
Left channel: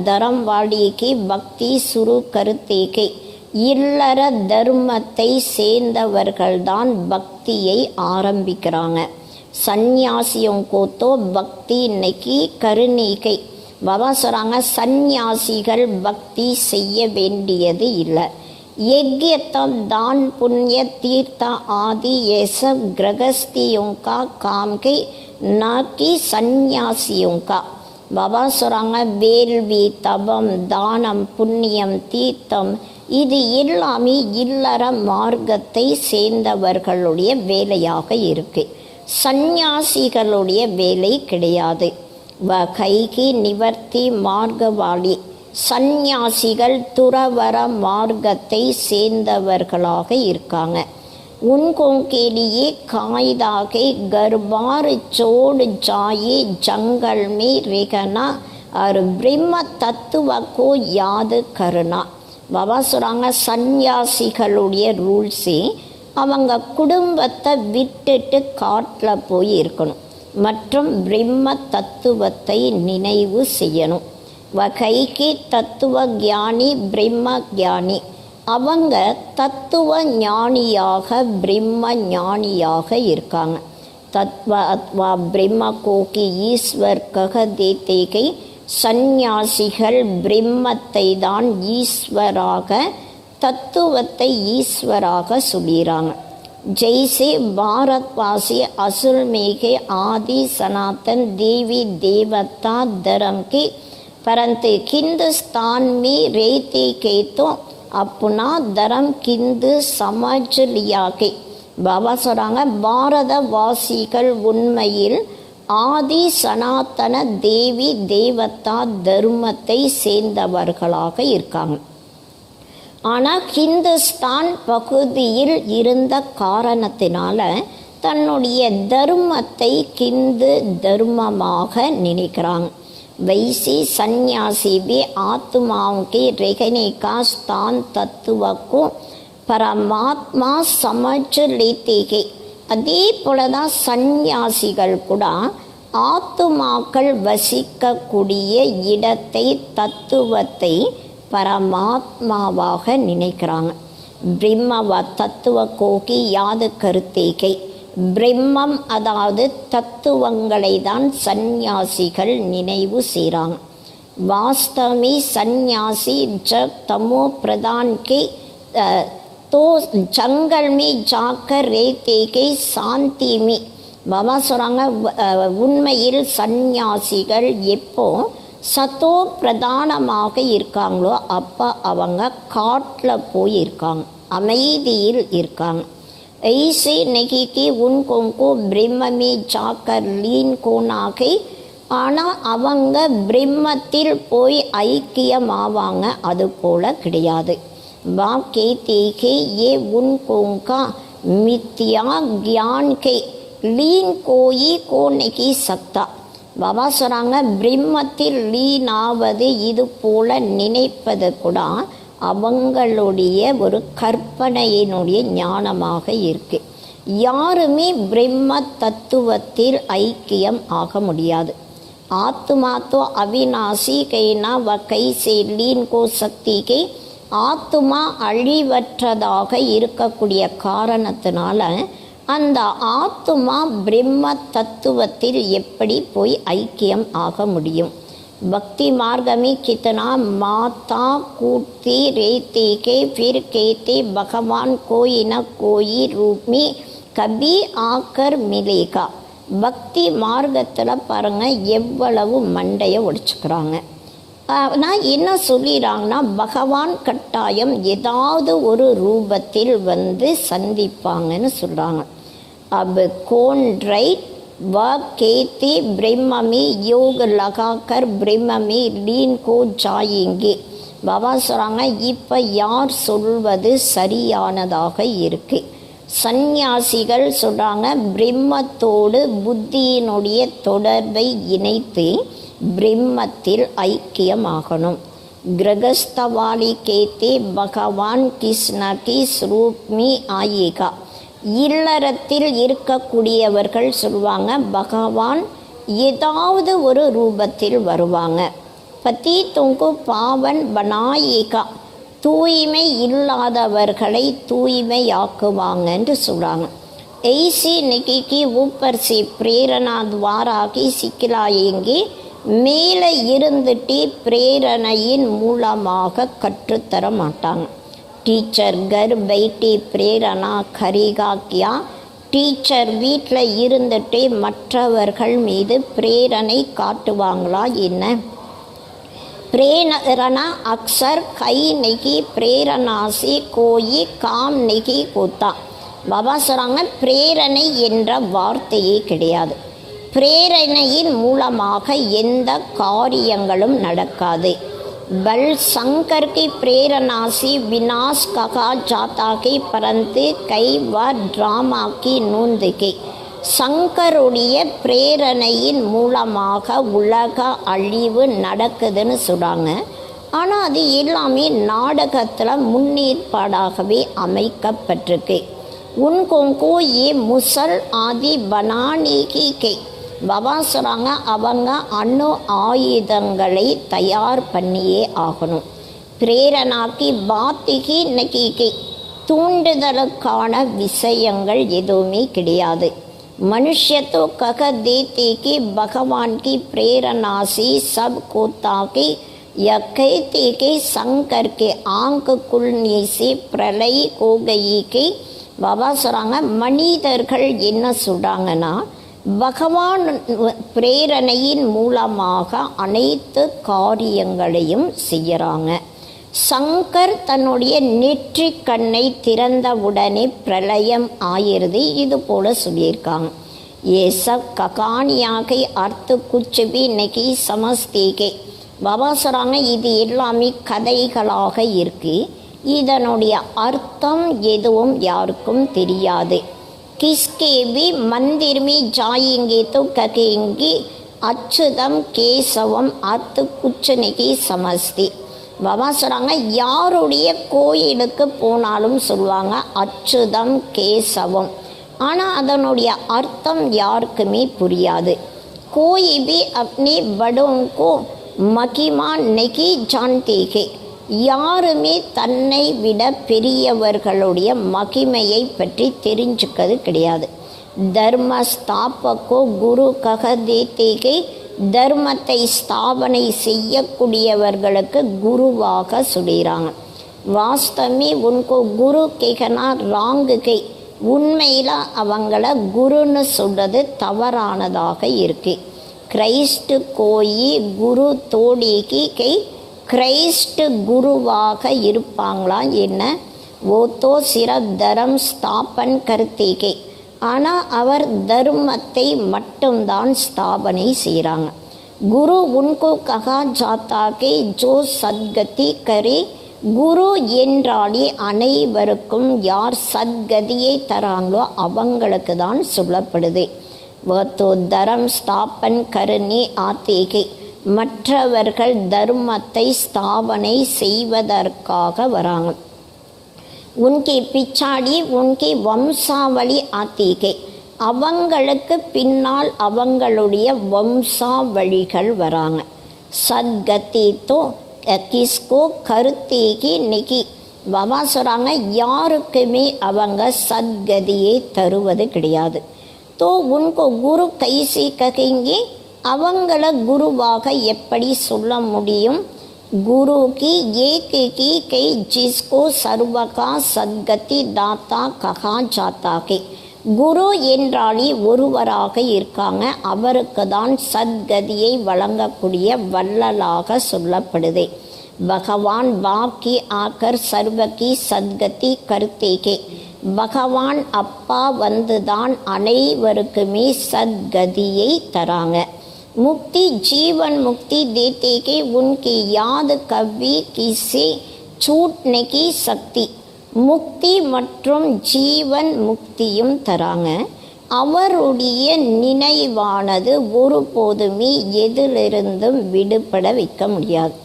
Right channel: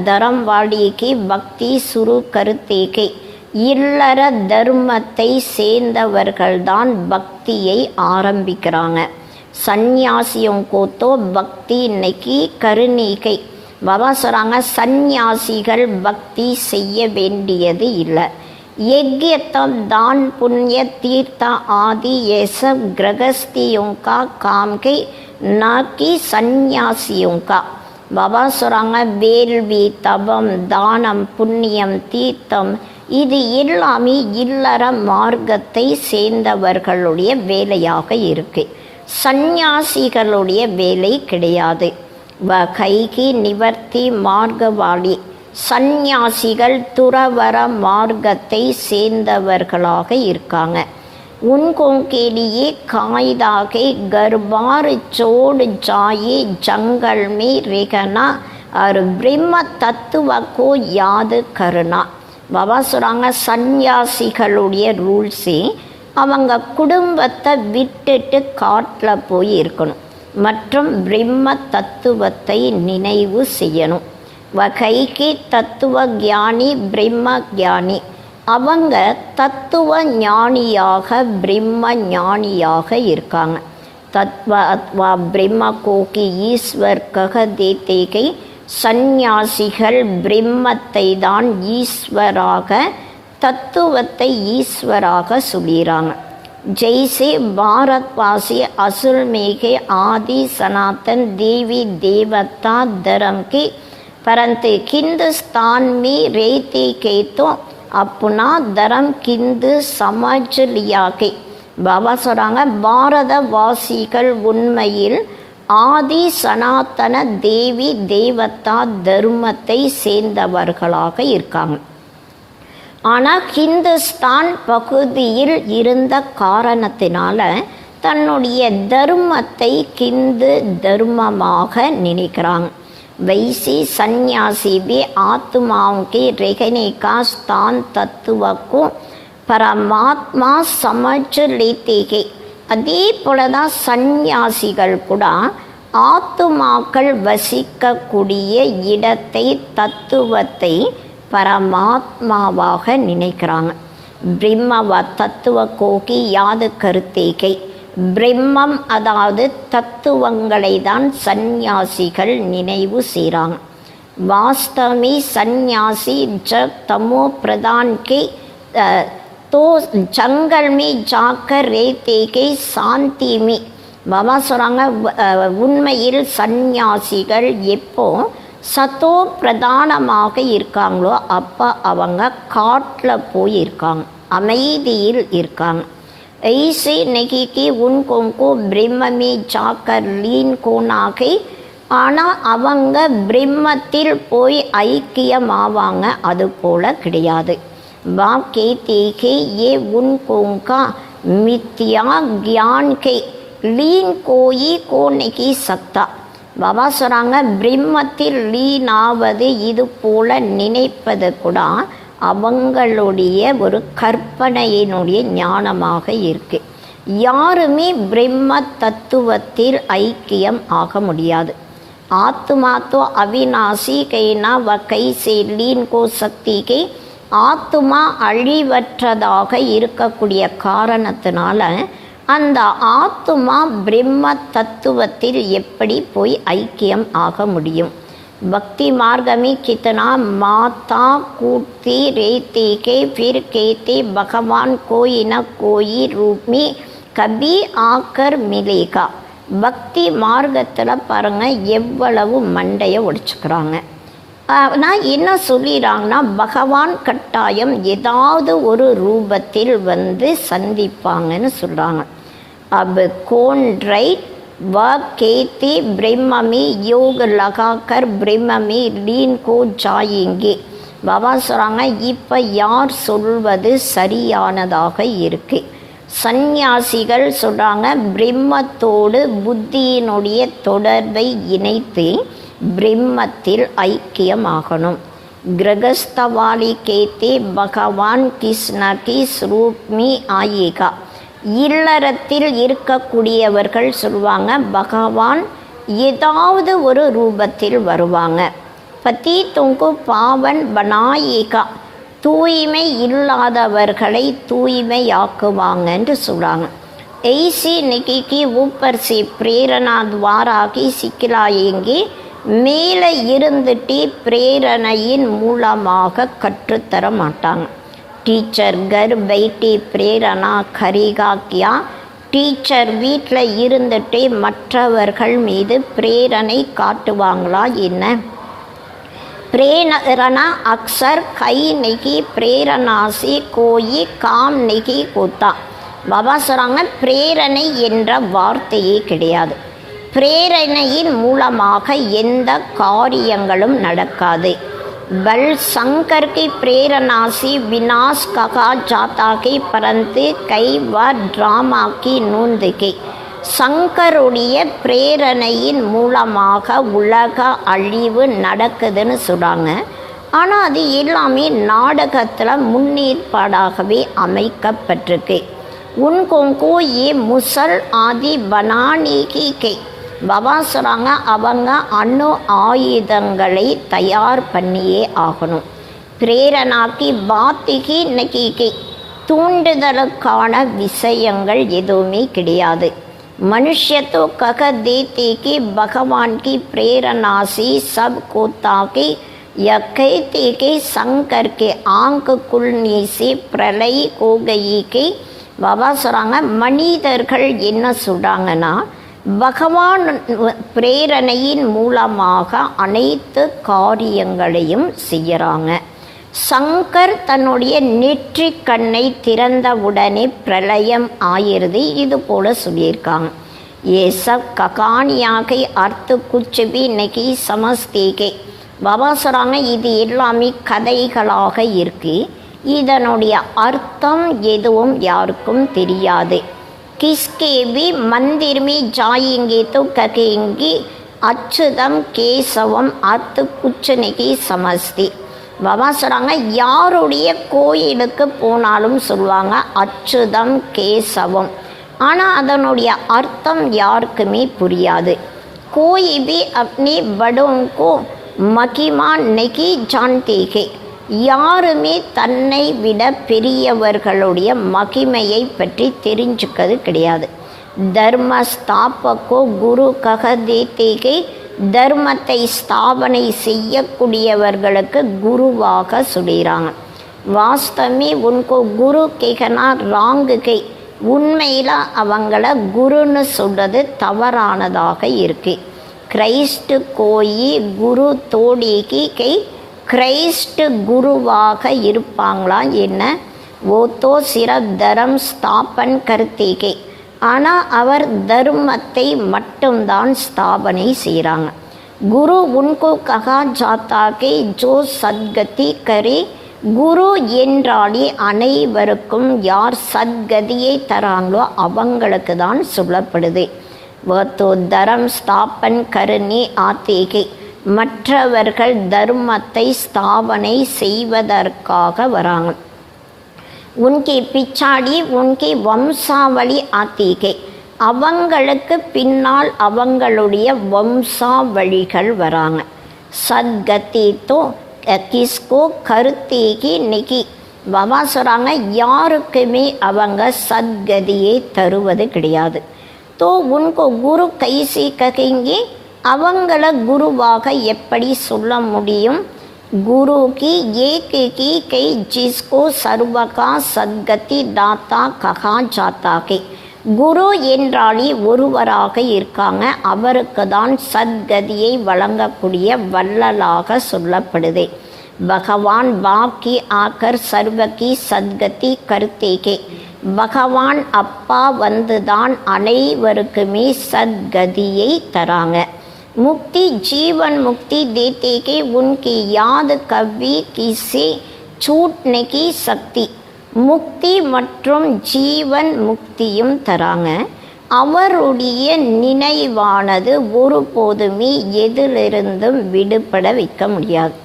தரம் வாடிக்கு பக்தி சுரு கருத்தேகை. இல்லற தர்மத்தை சேர்ந்தவர்கள்தான் பக்தியை ஆரம்பிக்கிறாங்க. சந்நியாசியும் கோத்தோ பக்தி இன்னைக்கு கருணீகை. பாபா சொல்கிறாங்க, சந்நியாசிகள் பக்தி செய்ய வேண்டியது இல்லை. यज्ञतम दान पुण्य तीर्थ आदि ये सब गृहस्थियों का काम के न कि सन्यासियों का. பாபா சொல்கிறாங்க, வேள்வி தபம் தானம் புண்ணியம் தீர்த்தம் இது எல்லாமே இல்லற மார்க்கத்தை சேர்ந்தவர்களுடைய வேலையாக இருக்கு. சந்நியாசிகளுடைய வேலை கிடையாது. வகைகி நிவர்த்தி மார்க்கவாளி. சந்நியாசிகள் துறவர மார்க்கத்தை சேர்ந்தவர்களாக இருக்காங்க. उनको के लिए कायदा के घर बार छोड़ जाए जंगल में रहना और ब्रह्म तत्व को याद करना. பாபா சொல்கிறாங்க, சந்நியாசிகளுடைய ரூல்ஸே அவங்க குடும்பத்தை விட்டுட்டு காட்டில் போய் இருக்கணும் மற்றும் பிரம்ம தத்துவத்தை நினைவு செய்யணும். வகைக்கு தத்துவ ஞானி பிரம்ம ஞானி. அவங்க தத்துவ ஞானியாக பிரம்ம ஞானியாக இருக்காங்க. தத்வ அத்வா பிரம்ம கோகி ஈஸ்வர் கக தேத்தேகை. சந்நியாசிகள் பிரம்மத்தை தான் ஈஸ்வராக தத்துவத்தை ஈஸ்வராக சொல்கிறாங்க. जैसे भारतवासी असुल में के आदि सनातन देवी देवता धर्म की, परंतु हिंदुस्तान में रहते के तो अपना धर्म हिंदू समझ लिया के. பாபா சொல்கிறாங்க, பாரதவாசிகள் உண்மையில் ஆதி சனாதன தேவி தேவதா தர்மத்தை சேர்ந்தவர்களாக இருக்காங்க. ஆனால் ஹிந்துஸ்தான் பகுதியில் இருந்த காரணத்தினால தன்னுடைய தர்மத்தை ஹிந்து தர்மமாக நினைக்கிறாங்க. वैसे सन्यासी भी आत्माओं के रहने का स्थान तत्व को परमात्मा समझ लेते हैं. அதே போலதான் சந்நியாசிகள் கூட ஆத்துமாக்கள் வசிக்கக்கூடிய இடத்தை தத்துவத்தை பரமாத்மாவாக நினைக்கிறாங்க. பிரம்மவ தத்துவ கோகி யாது கருத்தேகை. பிரம்மம் அதாவது தத்துவங்களை தான் சந்நியாசிகள் நினைவு செய்கிறாங்க. வாஸ்தவமே சந்நியாசி जब तमो प्रधान के तो जंगल में जाकर रहते के शांति में. பாபா சொல்கிறாங்க, உண்மையில் சந்நியாசிகள் எப்போ சத்தோ பிரதானமாக இருக்காங்களோ அப்போ அவங்க காட்டில் போய் இருக்காங்க, அமைதியில் இருக்காங்க. ऐसे नहीं कि उनको ब्रह्म में जाकर लीन होना है. ஆனால் அவங்க பிரம்மத்தில் போய் ஐக்கியமாவாங்க, அது போல கிடையாது. बाप कहते हैं ये उनको का मिथ्या ज्ञान के लीन कोई को नहीं सकता. பாபா சொல்கிறாங்க, பிரம்மத்தில் லீன் ஆவது இது போல நினைப்பது கூட அவங்களுடைய ஒரு கற்பனையினுடைய ஞானமாக இருக்கு. யாருமே பிரம்ம தத்துவத்தில் ஐக்கியம் ஆக முடியாது. ஆத்மா தோ அவிநாசி கைனா வ கைசே லீன் கோ சக்தி கை. ஆத்மா அழிவற்றதாக இருக்கக்கூடிய காரணத்தினால அந்த ஆத்மா பிரம்ம தத்துவத்தில் எப்படி போய் ஐக்கியம் ஆக முடியும்? भक्ति मार्ग में कितना माता कूटती रहते के फिर कहते भगवान कोई न कोई रूप में कभी आकर मिलेगा. பக்தி மார்க்கத்தில் பாருங்கள் எவ்வளவு மண்டையை உடைச்சுக்கிறாங்க. நான் என்ன சொல்லிடுறாங்கன்னா, பகவான் கட்டாயம் ஏதாவது ஒரு ரூபத்தில் வந்து சந்திப்பாங்கன்னு சொல்கிறாங்க. अब कौन राइट वह कहते ब्रह्म में योग लगाकर ब्रह्म में लीन को जाएंगे. பாபா சொல்கிறாங்க, இப்போ யார் சொல்வது சரியானதாக இருக்கு? சந்நியாசிகள் சொல்கிறாங்க, பிரம்மத்தோடு புத்தியினுடைய தொடர்பை இணைத்து பிரம்மத்தில் ஐக்கியமாகணும். கிரகஸ்தவாலி கேத்தே பகவான் கிருஷ்ணகி ஸ்ரூப்மி ஆயிகா. இல்லறத்தில் இருக்கக்கூடியவர்கள் சொல்லுவாங்க பகவான் ஏதாவது ஒரு ரூபத்தில் வருவாங்க. பதி துங்கு பாவன் பனாயிகா. தூய்மை இல்லாதவர்களை தூய்மையாக்குவாங்கன்னு சொல்கிறாங்க. ऐसी निकी की ऊपर से प्रेरणा द्वारा की சிக்கலாயங்கி மேலே இருந்துட்டு பிரேரணையின் மூலமாக கற்றுத்தர மாட்டாங்க. டீச்சர் கர் பைட்டி பிரேரணா கரிகா கியா. டீச்சர் வீட்டில் இருந்துட்டு மற்றவர்கள் மீது பிரேரணை காட்டுவாங்களா என்ன? प्रेरणा अक्सर कई नहीं प्रेरणा से कोई काम नहीं होता. பாபா சொல்கிறாங்க பிரேரணை என்ற வார்த்தையே கிடையாது. பிரேரணையின் மூலமாக எந்த காரியங்களும் நடக்காது. பல் சங்கர் की प्रेरणा से विनाश कहा जाता है परंतु कई बार ड्रामा की नोंद के. சங்கருடைய பிரேரணையின் மூலமாக உலக அழிவு நடக்குதுன்னு சொல்கிறாங்க. ஆனால் அது எல்லாமே நாடகத்தில் முன்னேற்பாடாகவே அமைக்கப்பட்டிருக்கு. உன்கோங்கோ ஏ முசல் ஆதி பனானிகி கே. பாபா சொல்கிறாங்க அவங்க அணு ஆயுதங்களை தயார் பண்ணியே ஆகணும். பிரேரணாக்கி பாத்திகி நகிகி. தூண்டுதலுக்கான விஷயங்கள் எதுவுமே கிடையாது. मनुष्य तो कह देते कि भगवान की प्रेरणा से सब को ताकि यह कहते कि शंकर के आंख खुलने से प्रलय हो गई कि. பாபா சொல்கிறாங்க மனிதர்கள் என்ன சொல்கிறாங்கன்னா பகவான் பிரேரணையின் மூலமாக அனைத்து காரியங்களையும் செய்கிறாங்க. சங்கர் தன்னுடைய நெற்றி கண்ணை திறந்தவுடனே பிரளயம் ஆயிருது இது போல சொல்லியிருக்காங்க. ஏ சப் ககானியாக அர்த்த குச்சபி நகி சமஸ்தேகே. பாபா சொல்கிறாங்க இது எல்லாமே கதைகளாக இருக்கு. இதனுடைய அர்த்தம் எதுவும் யாருக்கும் தெரியாது. கிஸ்கே भी मंदिर में जाएंगे तो कहेंगे அச்சுதம் கேசவம் அர்த்த குச்ச நகி சமஸ்தி. பாபா சொல்கிறாங்க யாருடைய கோயிலுக்கு போனாலும் சொல்லுவாங்க அச்சுதம் கேசவம். ஆனால் அதனுடைய அர்த்தம் யாருக்குமே புரியாது. கோயி भी अपने बड़ों को महिमा नहीं जानते हैं. யாருமே தன்னை விட பெரியவர்களுடைய மகிமையை பற்றி தெரிஞ்சுக்கிறது கிடையாது. தர்ம ஸ்தாபகோ குரு கக தேத்தேகே. தர்மத்தை ஸ்தாபனை செய்யக்கூடியவர்களுக்கு குருவாக சொல்கிறாங்க. வாஸ்தமே உன்கோ குரு கேகனா ராங்குகை. உண்மையில் அவங்கள குருன்னு சொல்கிறது தவறானதாக இருக்கு. கிரைஸ்ட் கோயி குரு தோடிகி கை. கிரைஸ்ட் குருவாக இருப்பாங்களா என்ன? ஓ தோ சிறப் தரம் ஸ்தாபன் கர்த்தேகே. ஆனால் அவர் தர்மத்தை மட்டும்தான் ஸ்தாபனை செய்கிறாங்க. குரு உன்கோ கஹா ஜாத்தாகே ஜோ சத்கதி கரே. குரு என்றாலே அனைவருக்கும் யார் சத்கதியை தராங்களோ அவங்களுக்கு தான் சொல்லப்படுது. வோ தரம் ஸ்தாபன் கருணே ஆத்தேகே. மற்றவர்கள் தர்மத்தை ஸ்தாபனை செய்வதற்காக வராங்க. உன்கே பிச்சாடி உன்கே வம்சாவளி ஆத்தீகே. அவங்களுக்கு பின்னால் அவங்களுடைய வம்சாவளிகள் வராங்க. சத்கதி தோ கிஸ்கோ கருத்தேகி நெகி. பாபா சொல்கிறாங்க யாருக்குமே அவங்க சத்கதியை தருவது கிடையாது. தோ உன்கோ குரு கைசி ககேங்கே. அவங்கள குருவாக எப்படி சொல்ல முடியும்? குரு की एक की कई जिसको सर्व का सद्गति दाता कहा जाता है. குரு என்றாலே ஒருவராக இருக்காங்க. அவருக்கு தான் சத்கதியை வழங்கக்கூடிய வள்ளலாக சொல்லப்படுது. பகவான் பாக்கி ஆக்கர் சர்வகி சத்கதி கருத்தேகே. பகவான் அப்பா வந்துதான் அனைவருக்குமே சத்கதியை தராங்க. मुक्ति जीवन मुक्ति देते के उनकी याद कभी किसी छूटने की शक्ति. முக்தி மற்றும் ஜீவன் முக்தியும் தராங்க. அவருடைய நினைவானது ஒருபோதுமே எதிலிருந்தும் விடுபட வைக்க முடியாது.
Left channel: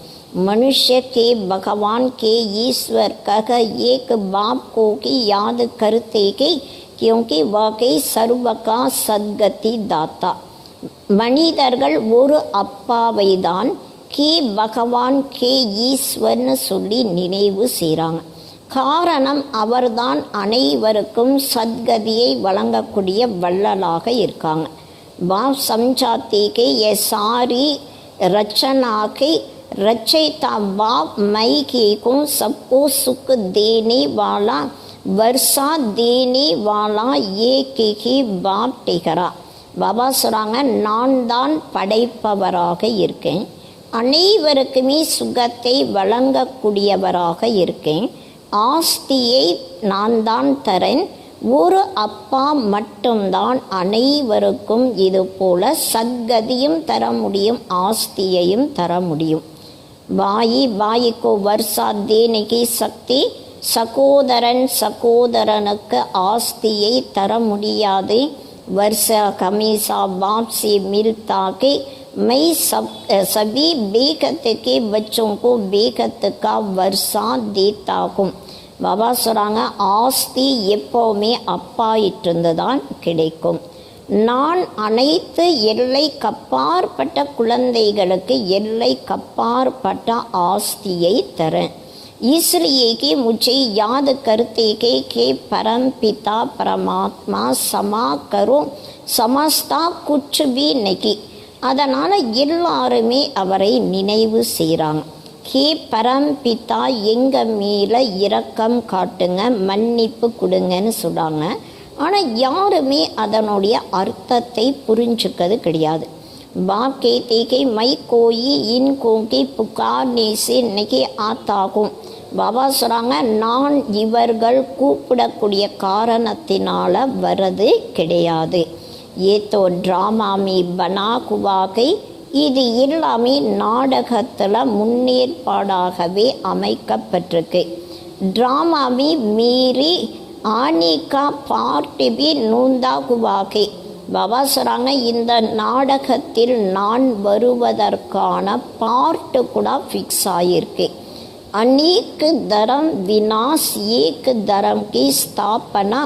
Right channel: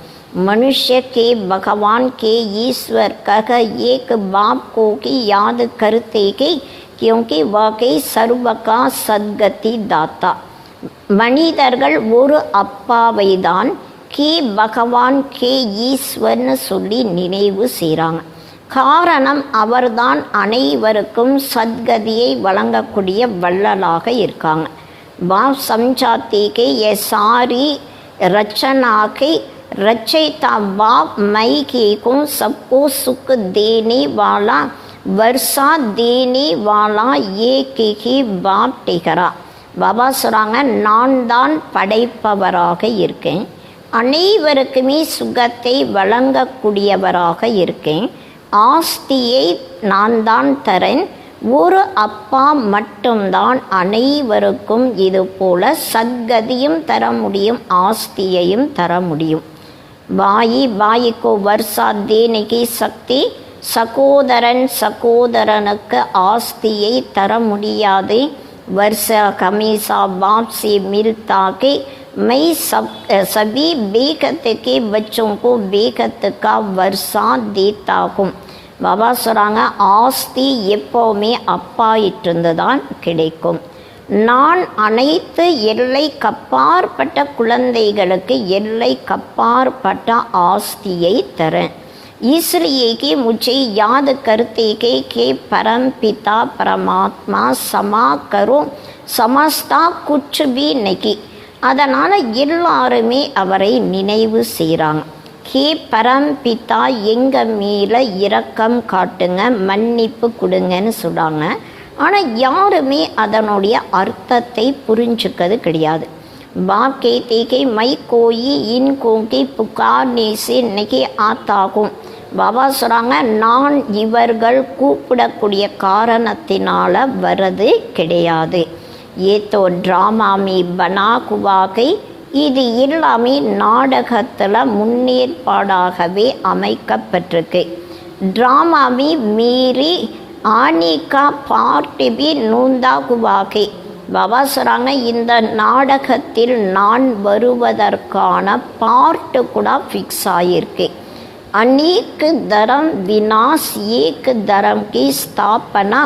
मनुष्य के भगवान के ईश्वर कह एक बाप को की याद करते कि क्योंकि वाकई सर्व का सद्गति दाता. மனிதர்கள் ஒரு அப்பாவை தான் கே பகவான் கே ஈஸ்வர்னு சொல்லி நினைவு செய்கிறாங்க. காரணம் அவர்தான் அனைவருக்கும் சத்கதியை வழங்கக்கூடிய வள்ளலாக இருக்காங்க. பாப் சம்சாத்தி கே ये सारी रचना के रचयिता बाप मई के को सबको सुख देने वाला वर्षा देने वाला एक ही बाप टिकरा. பாபா சொல்கிறாங்க, நான் தான் படைப்பவராக இருக்கேன், அனைவருக்குமே சுகத்தை வழங்கக்கூடியவராக இருக்கேன், ஆஸ்தியை நான் தான் தரேன். ஒரு அப்பா மட்டும்தான் அனைவருக்கும் இது போல சத்கதியும் தர முடியும், ஆஸ்தியையும் தர முடியும். बाई बाई को वर्षा देने की शक्ति சகோதரன் சகோதரனுக்கு ஆஸ்தியை தர முடியாது. वर्षा हमेशा बाप से मिलता कि मैं सभी बेगत के बच्चों को बेगत का वर्षा देता हूँ. பாபா சொல்கிறாங்க, ஆஸ்தி எப்போவுமே அப்பாயிட்டிருந்து தான் கிடைக்கும். நான் அனைத்து எல்லை கப்பாற்பட்ட குழந்தைகளுக்கு எல்லை கப்பாற்பட்ட ஆஸ்தியை தரேன். इसलिए कि मुझे याद करते कि परम पिता परमात्मा समा करो समस्ता कुछ भी नहीं. அதனால் எல்லாருமே அவரை நினைவு செய்கிறாங்க. கே பரம் பிதா எங்கள் மேலே இரக்கம் காட்டுங்க, மன்னிப்பு கொடுங்கன்னு சொல்கிறாங்க. ஆனால் யாருமே அதனுடைய அர்த்தத்தை புரிஞ்சுக்கிறது கிடையாது. बाप कहते कि मैं कोई इनको की पुकारने से नहीं आता हूँ. பாபா சொல்கிறாங்க, நான் இவர்கள் கூப்பிடக்கூடிய காரணத்தினால வரது கிடையாது. ஏதோ ட்ராமாமி பனா குவாகை, இது எல்லாமே நாடகத்தில் முன்னேற்பாடாகவே அமைக்கப்பட்டிருக்கு. ட்ராமாமி மீறி ஆனிகா பார்ட் பி நூந்தாகுவாகை. பாபா சொல்கிறாங்க, இந்த நாடகத்தில் நான் வருவதற்கான பார்ட்டு கூட ஃபிக்ஸ் ஆகியிருக்கு. अनेक धर्म विनाश एक धर्म की स्थापना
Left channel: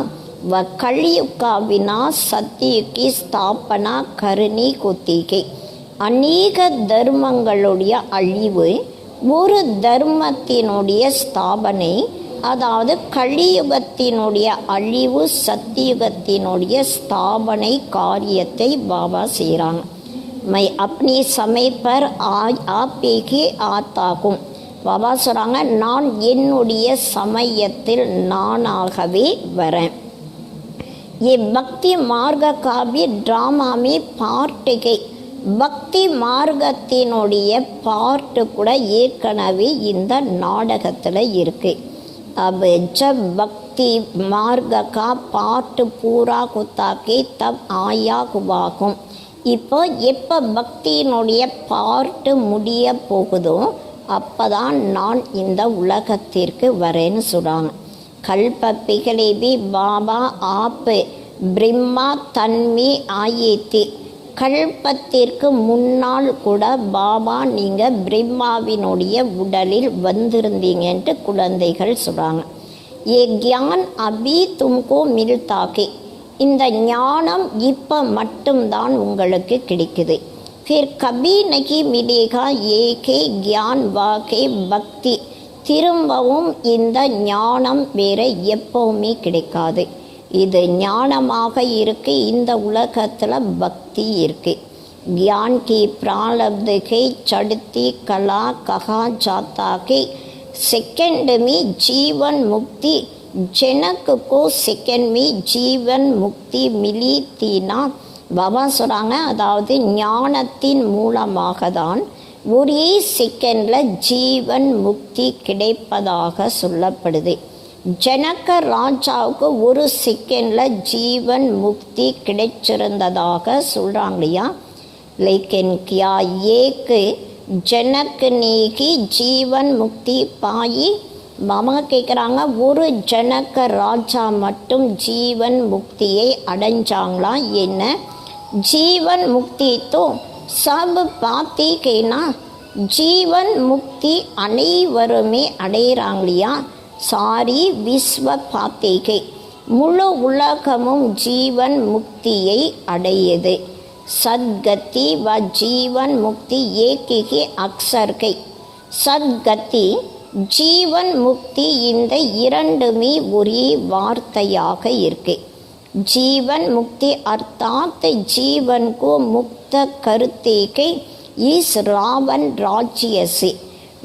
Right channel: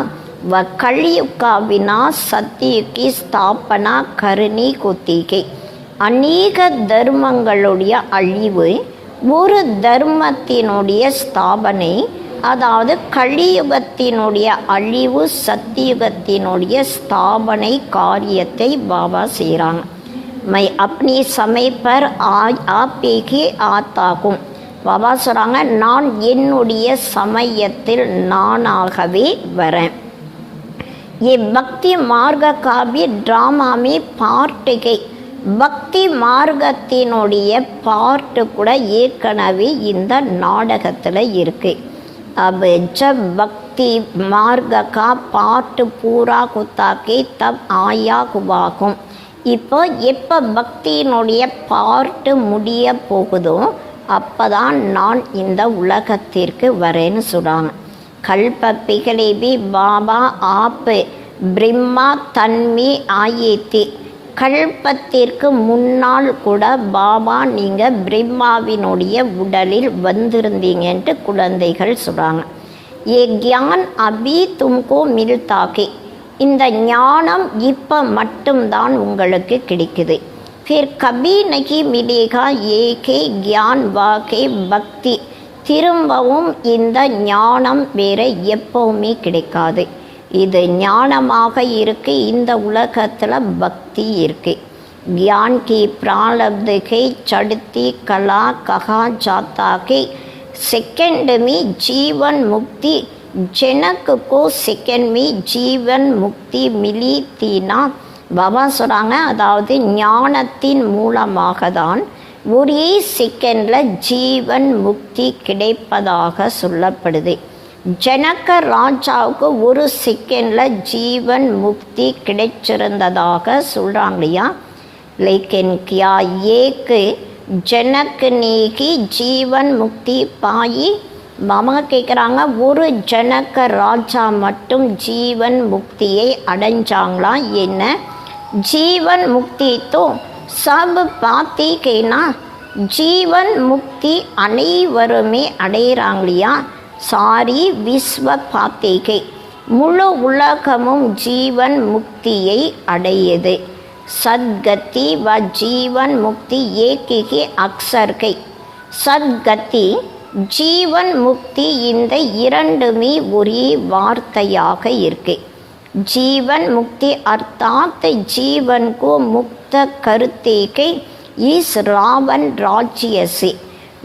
व कलयुग का विनाश सत्य की स्थापना करनी होती है. अनेक தர்மங்களுடைய அழிவு ஒரு தர்மத்தினுடைய ஸ்தாபனை, அதாவது கலியுகத்தினுடைய அழிவு சத்தியுகத்தினுடைய ஸ்தாபனை காரியத்தை பாபா செய்கிறாங்க. மை अपने समय पर आप ही आता हूँ. பாபா சொல்கிறாங்க, நான் என்னுடைய சமயத்தில் நானாகவே வரேன். ये भक्ति मार्ग का भी ड्रामा में पार्ट है. பக்தி மார்க்கத்தினுடைய பார்ட்டு கூட ஏற்கனவே இந்த நாடகத்தில் இருக்கு. अब जब भक्ति मार्ग का पार्ट पूरा होता के तब आया हुआ हूँ. இப்போ எப்போ பக்தியினுடைய பார்ட்டு முடிய போகுதோ அப்போதான் நான் இந்த உலகத்திற்கு வரேன்னு சொல்கிறாங்க. கல்ப பிகலேபி பாபா ஆப் பிரம்மா தன்மை ஆயேத்தி. கல்பத்திற்கு முன்னால் கூட பாபா நீங்கள் பிரம்மாவினுடைய உடலில் வந்திருந்தீங்கன்ட்டு குழந்தைகள் சொல்கிறாங்க. ஏ கியான் அபி தும்கோ மில்தாக்கே. இந்த ஞானம் இப்போ மட்டும்தான் உங்களுக்கு கிடைக்குது. फिर कभी नहीं मिलेगा ஏகே ज्ञान वाके பக்தி. திரும்பவும் இந்த ஞானம் வேற எப்பவுமே கிடைக்காது. இது ஞானமாக இருக்கு, இந்த உலகத்தில் பக்தி இருக்கு. ज्ञान की प्रारब्ध के चढ़ती कला कहा जाता कि सेकंड में जीवन मुक्ति. जनक को सेकंड में जीवन मुक्ति मिली थी ना. பாபா சொல்கிறாங்க, அதாவது ஞானத்தின் மூலமாக தான் ஒரே செகண்டில் ஜீவன் முக்தி கிடைப்பதாக சொல்லப்படுது. ஜனக ராஜாவுக்கு ஒரு செகண்டில் ஜீவன் முக்தி கிடைச்சிருந்ததாக சொல்கிறாங்க இல்லையா. लेकिन क्या एक जनक ने ही जीवन मुक्ति पाई. மாமா கேட்குறாங்க, ஒரு ஜனக ராஜா மட்டும் ஜீவன் முக்தியை அடைஞ்சாங்களா என்ன? ஜீவன் முக்தி தோ சப் பாத்தீங்கன்னா ஜீவன் முக்தி அனைவருமே அடைகிறாங்களையா? சாரி விஸ்வ பாத்திகை, முழு உலகமும் ஜீவன் முக்தியை அடையுது. சத்கதி வ ஜீவன் முக்தி ஏகிகே அக்சர்கை. சத்கதி ஜீவன் முக்தி இந்த இரண்டுமே ஒரே வார்த்தையாக இருக்கு. जीवन मुक्ति अर्थात जीवन को मुक्त करते के इस रावण राज्य से.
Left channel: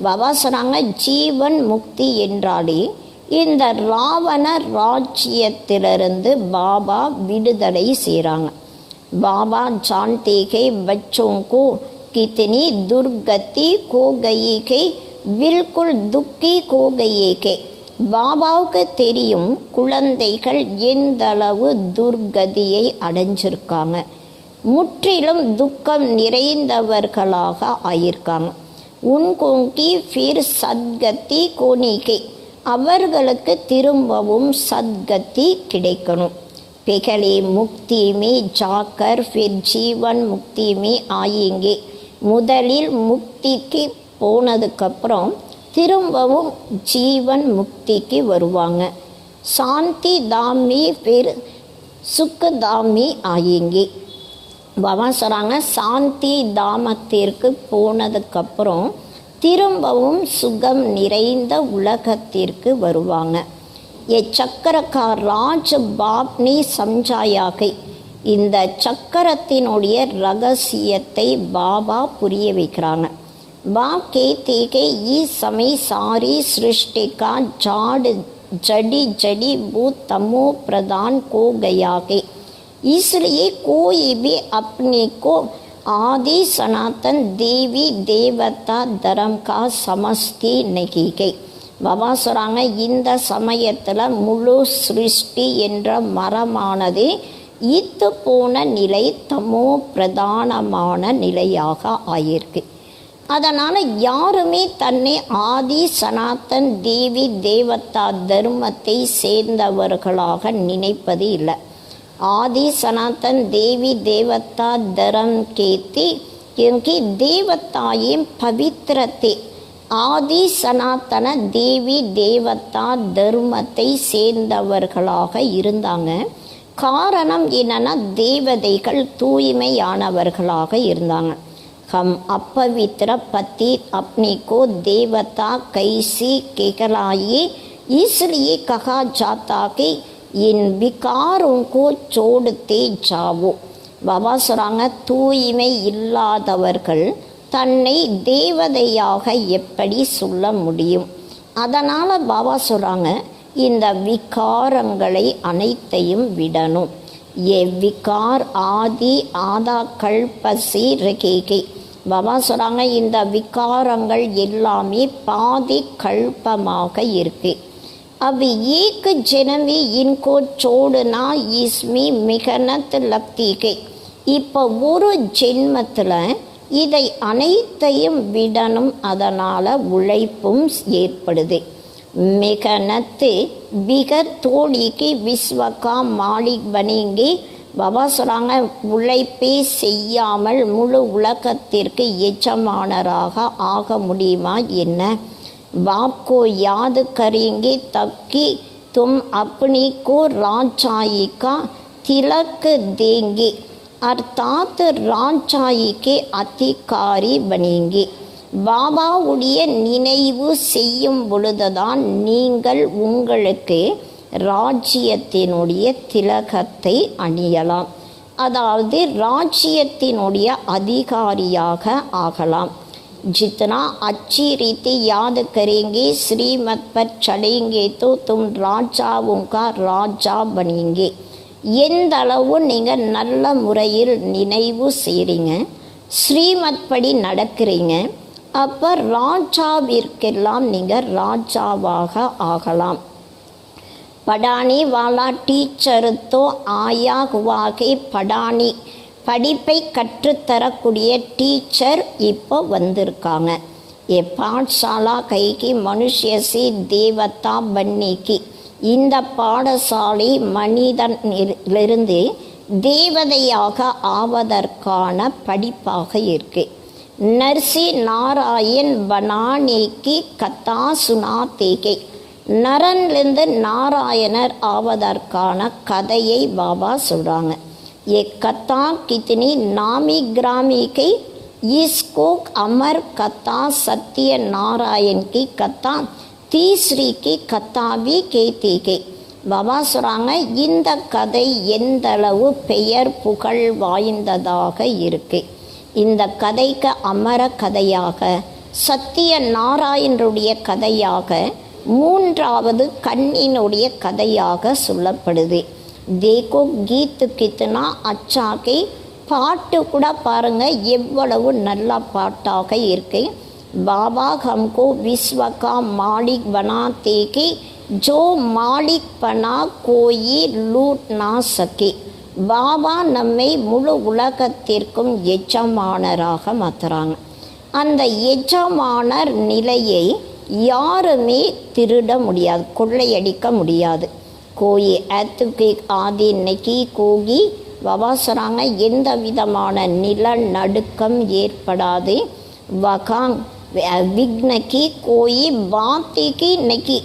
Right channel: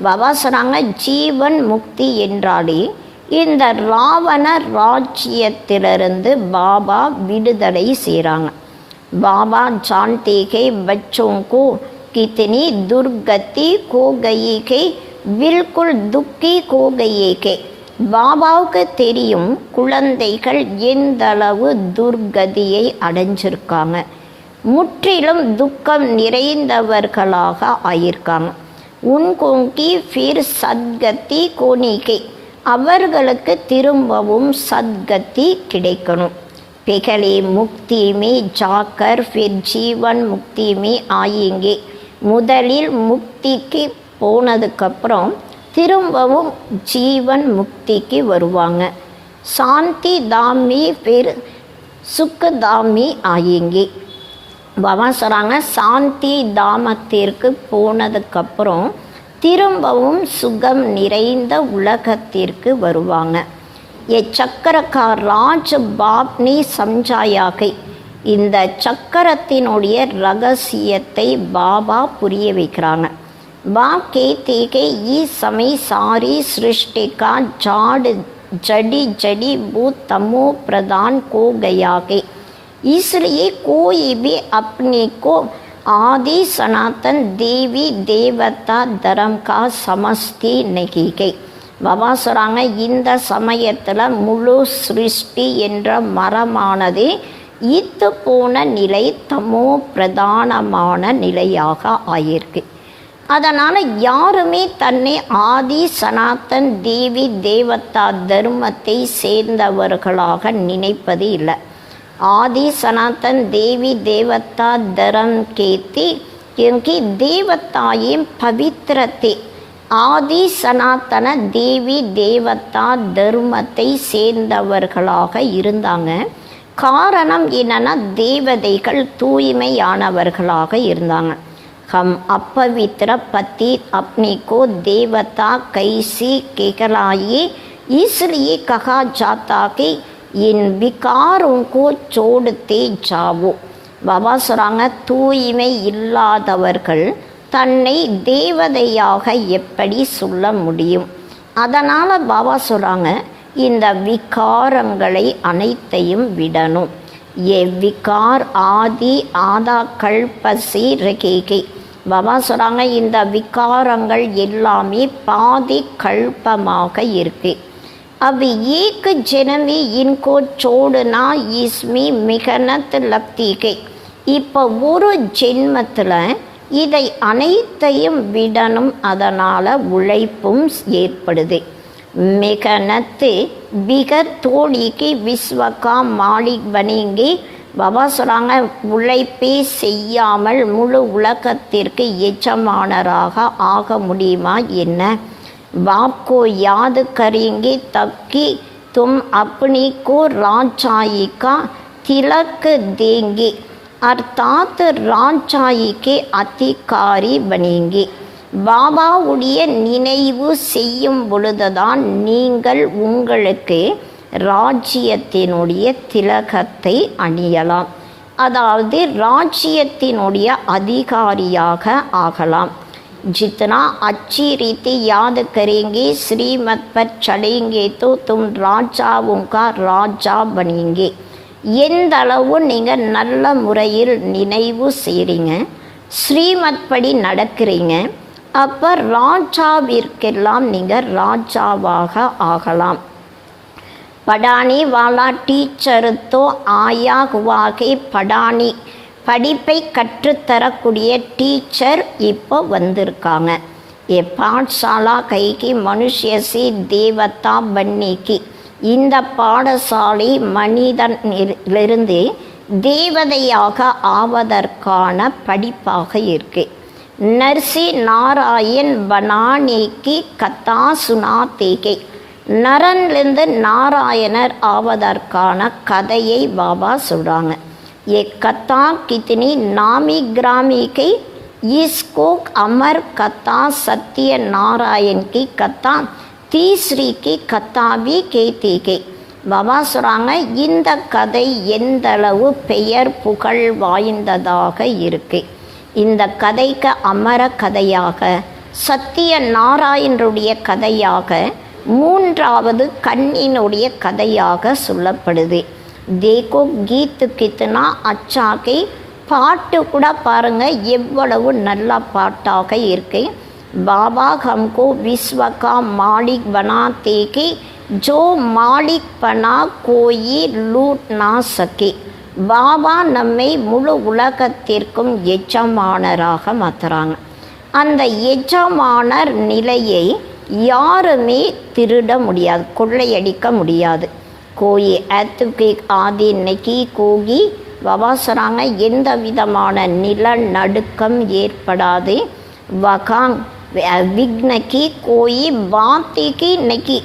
பாபா சொன்னாங்க, ஜீவன் முக்தி என்றாலே இந்த ராவண ராஜ்யத்திலிருந்து பாபா விடுதலை செய்கிறாங்க. பாபா जानते के बच्चों को कितनी दुर्गति हो गई के बिल्कुल दुखी हो गई के. பாபாவுக்கு தெரியும் குழந்தைகள் எந்தளவு துர்கதியை அடைஞ்சிருக்காங்க, முற்றிலும் துக்கம் நிறைந்தவர்களாக ஆயிருக்காங்க. உன்கோங்கி ஃபிர் சத்கதி கோனிகை, அவர்களுக்கு திரும்பவும் சத்கதி கிடைக்கணும். பிகலே முக்தி மே ஜாக்கர் ஃபிர் ஜீவன் முக்தி மே ஆயிங்கே. முதலில் முக்திக்கு போனதுக்கப்புறம் திரும்பவும் ஜீவன் முக்திக்கு வருவாங்க. சாந்தி தாமி फिर சுக்க தாமி ஆயிங்கே. பாபா சொல்கிறாங்க, சாந்தி தாமத்திற்கு போனதுக்கப்புறம் திரும்பவும் சுகம் நிறைந்த உலகத்திற்கு வருவாங்க. சக்கரக்கா ராஜ் பாப்னி சம்ஜாயாகை, இந்த சக்கரத்தினுடைய ரகசியத்தை பாபா புரிய வைக்கிறாங்க. बाप कहते कि इस समय सारी सृष्टि का जड़ी जड़ी भूत तमो प्रदान हो गया है, इसलिए कोई भी अपने को आदि सनातन देवी देवता धर्म का समझती नहीं है. பாபா சொல்கிறாங்க, இந்த சமயத்தில் முழு சிருஷ்டி என்ற மரமானது ஈத்து போன நிலை தமோ பிரதானமான நிலையாக ஆயிருக்கு. அதனால் யாருமே தன்னை ஆதி சனாத்தன் தேவி தேவதா தர்மத்தை சேர்ந்தவர்களாக நினைப்பது இல்லை. ஆதி சனாतन देवी देवता धर्म कहते क्योंकि देवताएं पवित्र थे. ஆதி சனாத்தன தேவி தேவதா தர்மத்தை சேர்ந்தவர்களாக இருந்தாங்க. காரணம் என்னன்னா, தேவதைகள் தூய்மையானவர்களாக இருந்தாங்க. हम अपवित्र पति अपने को देवता कैसी कहलाइए, इसलिए कहा जाता कि इन विकारों को छोड़ते जाओ. பாபா சொல்கிறாங்க, தூய்மை இல்லாதவர்கள் தன்னை தேவதையாக எப்படி சொல்ல முடியும்? அதனால் பாபா சொல்கிறாங்க, இந்த விகாரங்களை அனைத்தையும் விடணும். ये विकार आदि आधा कल्पसी रखेगी. பாபா சொல்கிறாங்க, இந்த விகாரங்கள் எல்லாமே பாதி கல்பமாக இருக்கு. अब एक जन्म में इनको छोड़ना इसमें मेहनत लगती है. இப்போ ஒரு ஜென்மத்தில் இதை அனைத்தையும் விடணும், அதனால் உழைப்பும் ஏற்படுது. मेहनत बिगर थोड़ी के विश्व का मालिक बनेंगे. பாபா சொல்கிறாங்க, உழைப்பே செய்யாமல் முழு உலகத்திற்கு எஜமானராக ஆக முடியுமா என்ன? பாப்கோ யாद करेंगे तब कि तुम अपनी को राजाई का तिलक देंगे, अर्थात राजाई के अधिकारी बनेंगे. பாபாவுடைய நினைவு செய்யும் பொழுதுதான் நீங்கள் உங்களுக்கு ராஜ்யத்தினுடைய திலகத்தை அணியலாம், அதாவது ராஜ்யத்தினுடைய அதிகாரியாக ஆகலாம். जितना अच्छी रीति याद करेंगे श्रीमत पर चढ़ेंगे तो तुम राजाओं का राजा बनेंगे. எந்த அளவு நீங்கள் நல்ல முறையில் நினைவு செய்கிறீங்க, ஸ்ரீமத் படி நடக்கிறீங்க, அப்போ ராஜாவிற்கெல்லாம் நீங்கள் ராஜாவாக ஆகலாம். படானி வாலா டீச்சர் தோ ஆயா ஹுவாகே படானி, படிப்பை கற்றுத்தரக்கூடிய டீச்சர் இப்போ வந்திருக்காங்க. ये पाठशाला கைக்கு மனுஷியசி தேவதா பன்னிக்கு. இந்த பாடசாலை மனிதனிலிருந்து தேவதையாக ஆவதற்கான படிப்பாக இருக்கு. நர்சி நாராயண் பனானேக்கு கதா சுனாத்தேகே. நரன்லேருந்து நாராயணர் ஆவதற்கான கதையை பாபா சொல்கிறாங்க. ये कथा कितनी नामी ग्रामी की, इसको अमर कथा सत्य नारायण की कथा तीसरी की कथा भी कहती के. பாபா சொல்கிறாங்க, இந்த கதை எந்தளவு பெயர் புகழ் வாய்ந்ததாக இருக்கு. இந்த கதைக்கு அமர கதையாக, சத்திய நாராயணருடைய கதையாக, மூன்றாவது கண்ணினுடைய கதையாக சொல்லப்படுது. தேகோ கீத்து கித்தனா அச்சாக்கி. பாட்டு கூட பாருங்க எவ்வளவு நல்ல பாட்டாக இருக்கு. பாபா ஹம்கோ விஸ்வகா மாலிக் பனாத்தே கி, ஜோ மாலிக் பனா கோயி லூட் நா சகே. பாபா நம்மை முழு உலகத்திற்கும் எஜமானராக மாற்றுறாங்க. அந்த எஜமானர் நிலையை யாருமே திருட முடியாது, கொள்ளையடிக்க முடியாது. கோயி ஏத்துக்கு ஆதி நெகி கோகி. பாபா சொல்கிறாங்க, எந்த விதமான நிலநடுக்கம் ஏற்படாது. வகாங் விக்னகி கோயி பாத்திக்கு நெகி.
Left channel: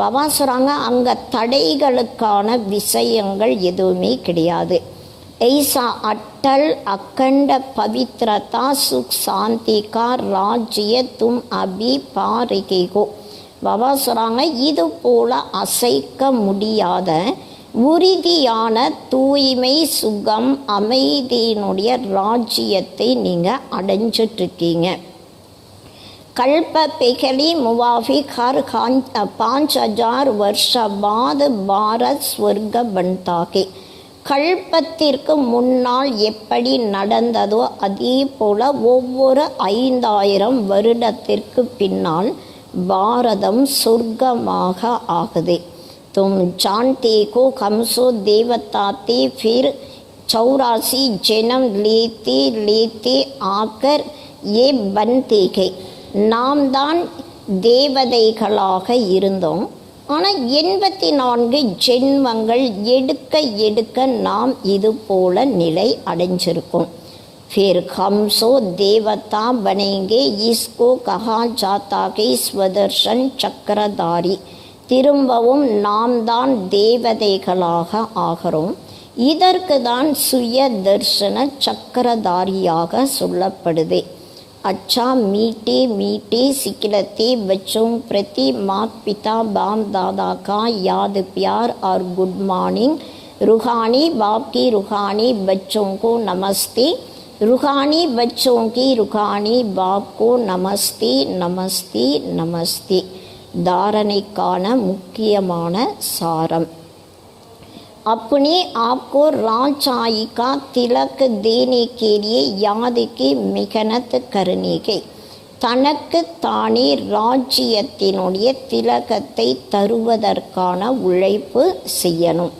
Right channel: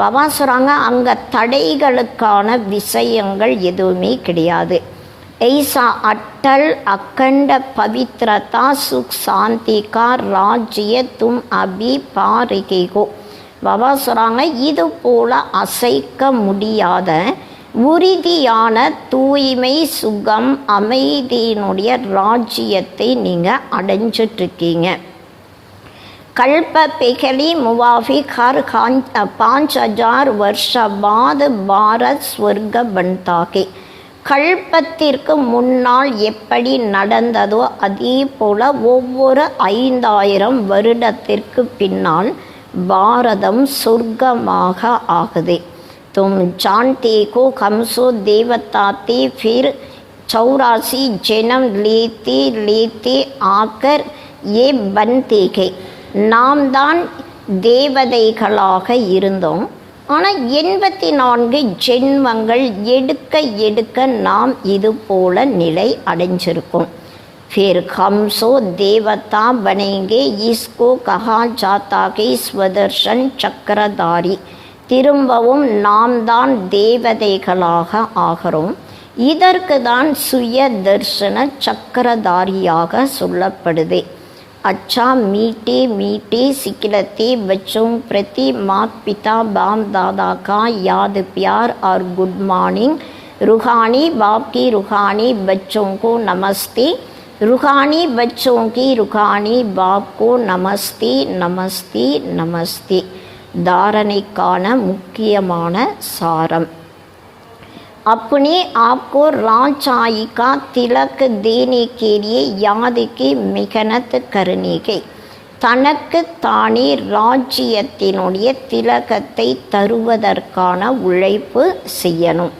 பாபா சொல்கிறாங்க, அங்கே தடைகளுக்கான விஷயங்கள் எதுவுமே கிடையாது. ऐसा अटल अखंड पवित्रता सुख शांति का राज्य तुम अभी पा रहे हो. பாபா சொல்கிறாங்க, இது போல அசைக்க முடியாத உறுதியான தூய்மை சுகம் அமைதியினுடைய ராஜ்யத்தை நீங்கள் அடைஞ்சிட்ருக்கீங்க. कल्प पिघली मुवाफिक हर 5000 वर्ष बाद भारत स्वर्ग बनता है. கல்பத்திற்கு முன்னால் எப்படி நடந்ததோ அதே போல ஒவ்வொரு 5000 வருடத்திற்கு பின்னால் பாரதம் சொர்க்கமாக ஆகுது. तुम जानते हो हमसो देवताते फिर 84 जन्म लेते लेते आकर ये बनते हैं. நாம் தான் தேவதைகளாக இருந்தோம். ஆனால் 84 ஜென்மங்கள் எடுக்க எடுக்க நாம் இது போல நிலை அடைஞ்சிருக்கோம். फिर हमसो देवता बनेंगे. इसको कहा जाता है स्वदर्शन चक्रधारी. திரும்பவும் நாம் தான் தேவதைகளாக ஆகிறோம். இதற்கு தான் சுய தர்ஷன சக்கரதாரியாக சொல்லப்படுது. अच्छा मीठे मीठे सिखलते बच्चों प्रति माता पिता बाप दादा का याद प्यार और गुड मॉर्निंग. रूहानी बाप की रूहानी बच्चों को नमस्ते. रूहानी बच्चों की रूहानी बाप को नमस्ते नमस्ते नमस्ते. தாரணைக்கான முக்கியமான சாரம். अपने आप को राजशाही का तिलक देने के लिए याद की मेहनत करनी है. தனக்கு தானே ராஜ்யத்தினுடைய திலகத்தை தருவதற்கான உழைப்பு செய்யணும்.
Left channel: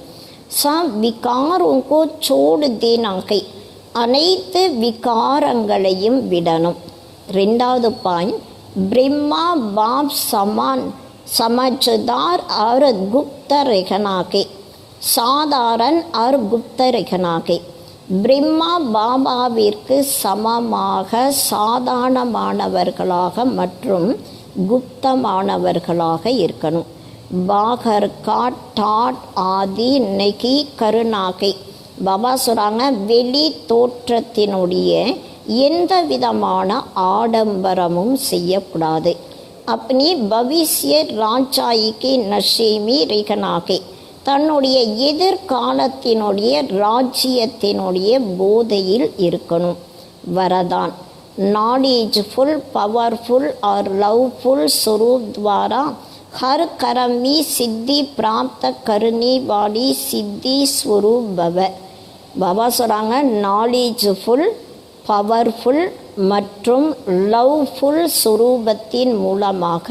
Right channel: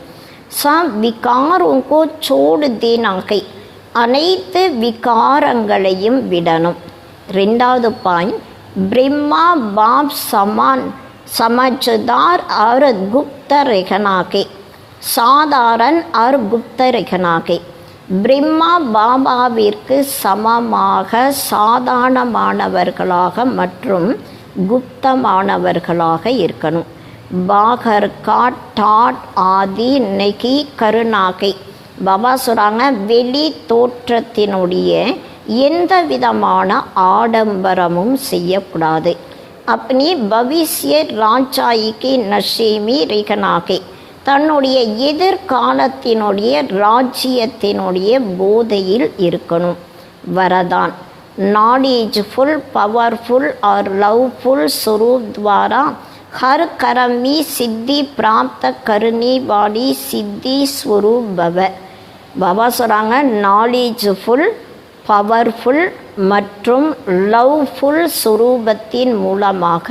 விகாரோங்கோ சோடு தேனாகை. அனைத்து விகாரங்களையும் விடணும். 2வது பாயிண்ட், ब्रह्मा बाप समान समझदार और गुप्त रहना के. சாதாரண और गुप्त रहना के. பிரம்மா பாபாவிற்கு சமமாக சாதாரணமானவர்களாக மற்றும் குப்தமானவர்களாக இருக்கணும். பாகர் கா டாட் ஆதி நெகி கருணாகை. பாபா சொல்கிறாங்க, வெளி தோற்றத்தினுடைய எந்த விதமான ஆடம்பரமும் செய்யக்கூடாது. अपनी भविष्य राजशाही की नशे में रहना के. தன்னுடைய எதிர்காலத்தினுடைய ராஜ்யத்தினுடைய போதையில் இருக்கணும். வரதான் நாலேஜ்ஃபுல் பவர்ஃபுல் और लवफुल स्वरूप द्वारा हर कर्म में सिद्धि प्राप्त करने वाली सिद्धि स्वरूप भव. பாபா சொல்கிறாங்க, நாலேஜ்ஃபுல் பவர்ஃபுல் மற்றும் லவ்ஃபுல் சுரூபத்தின் மூலமாக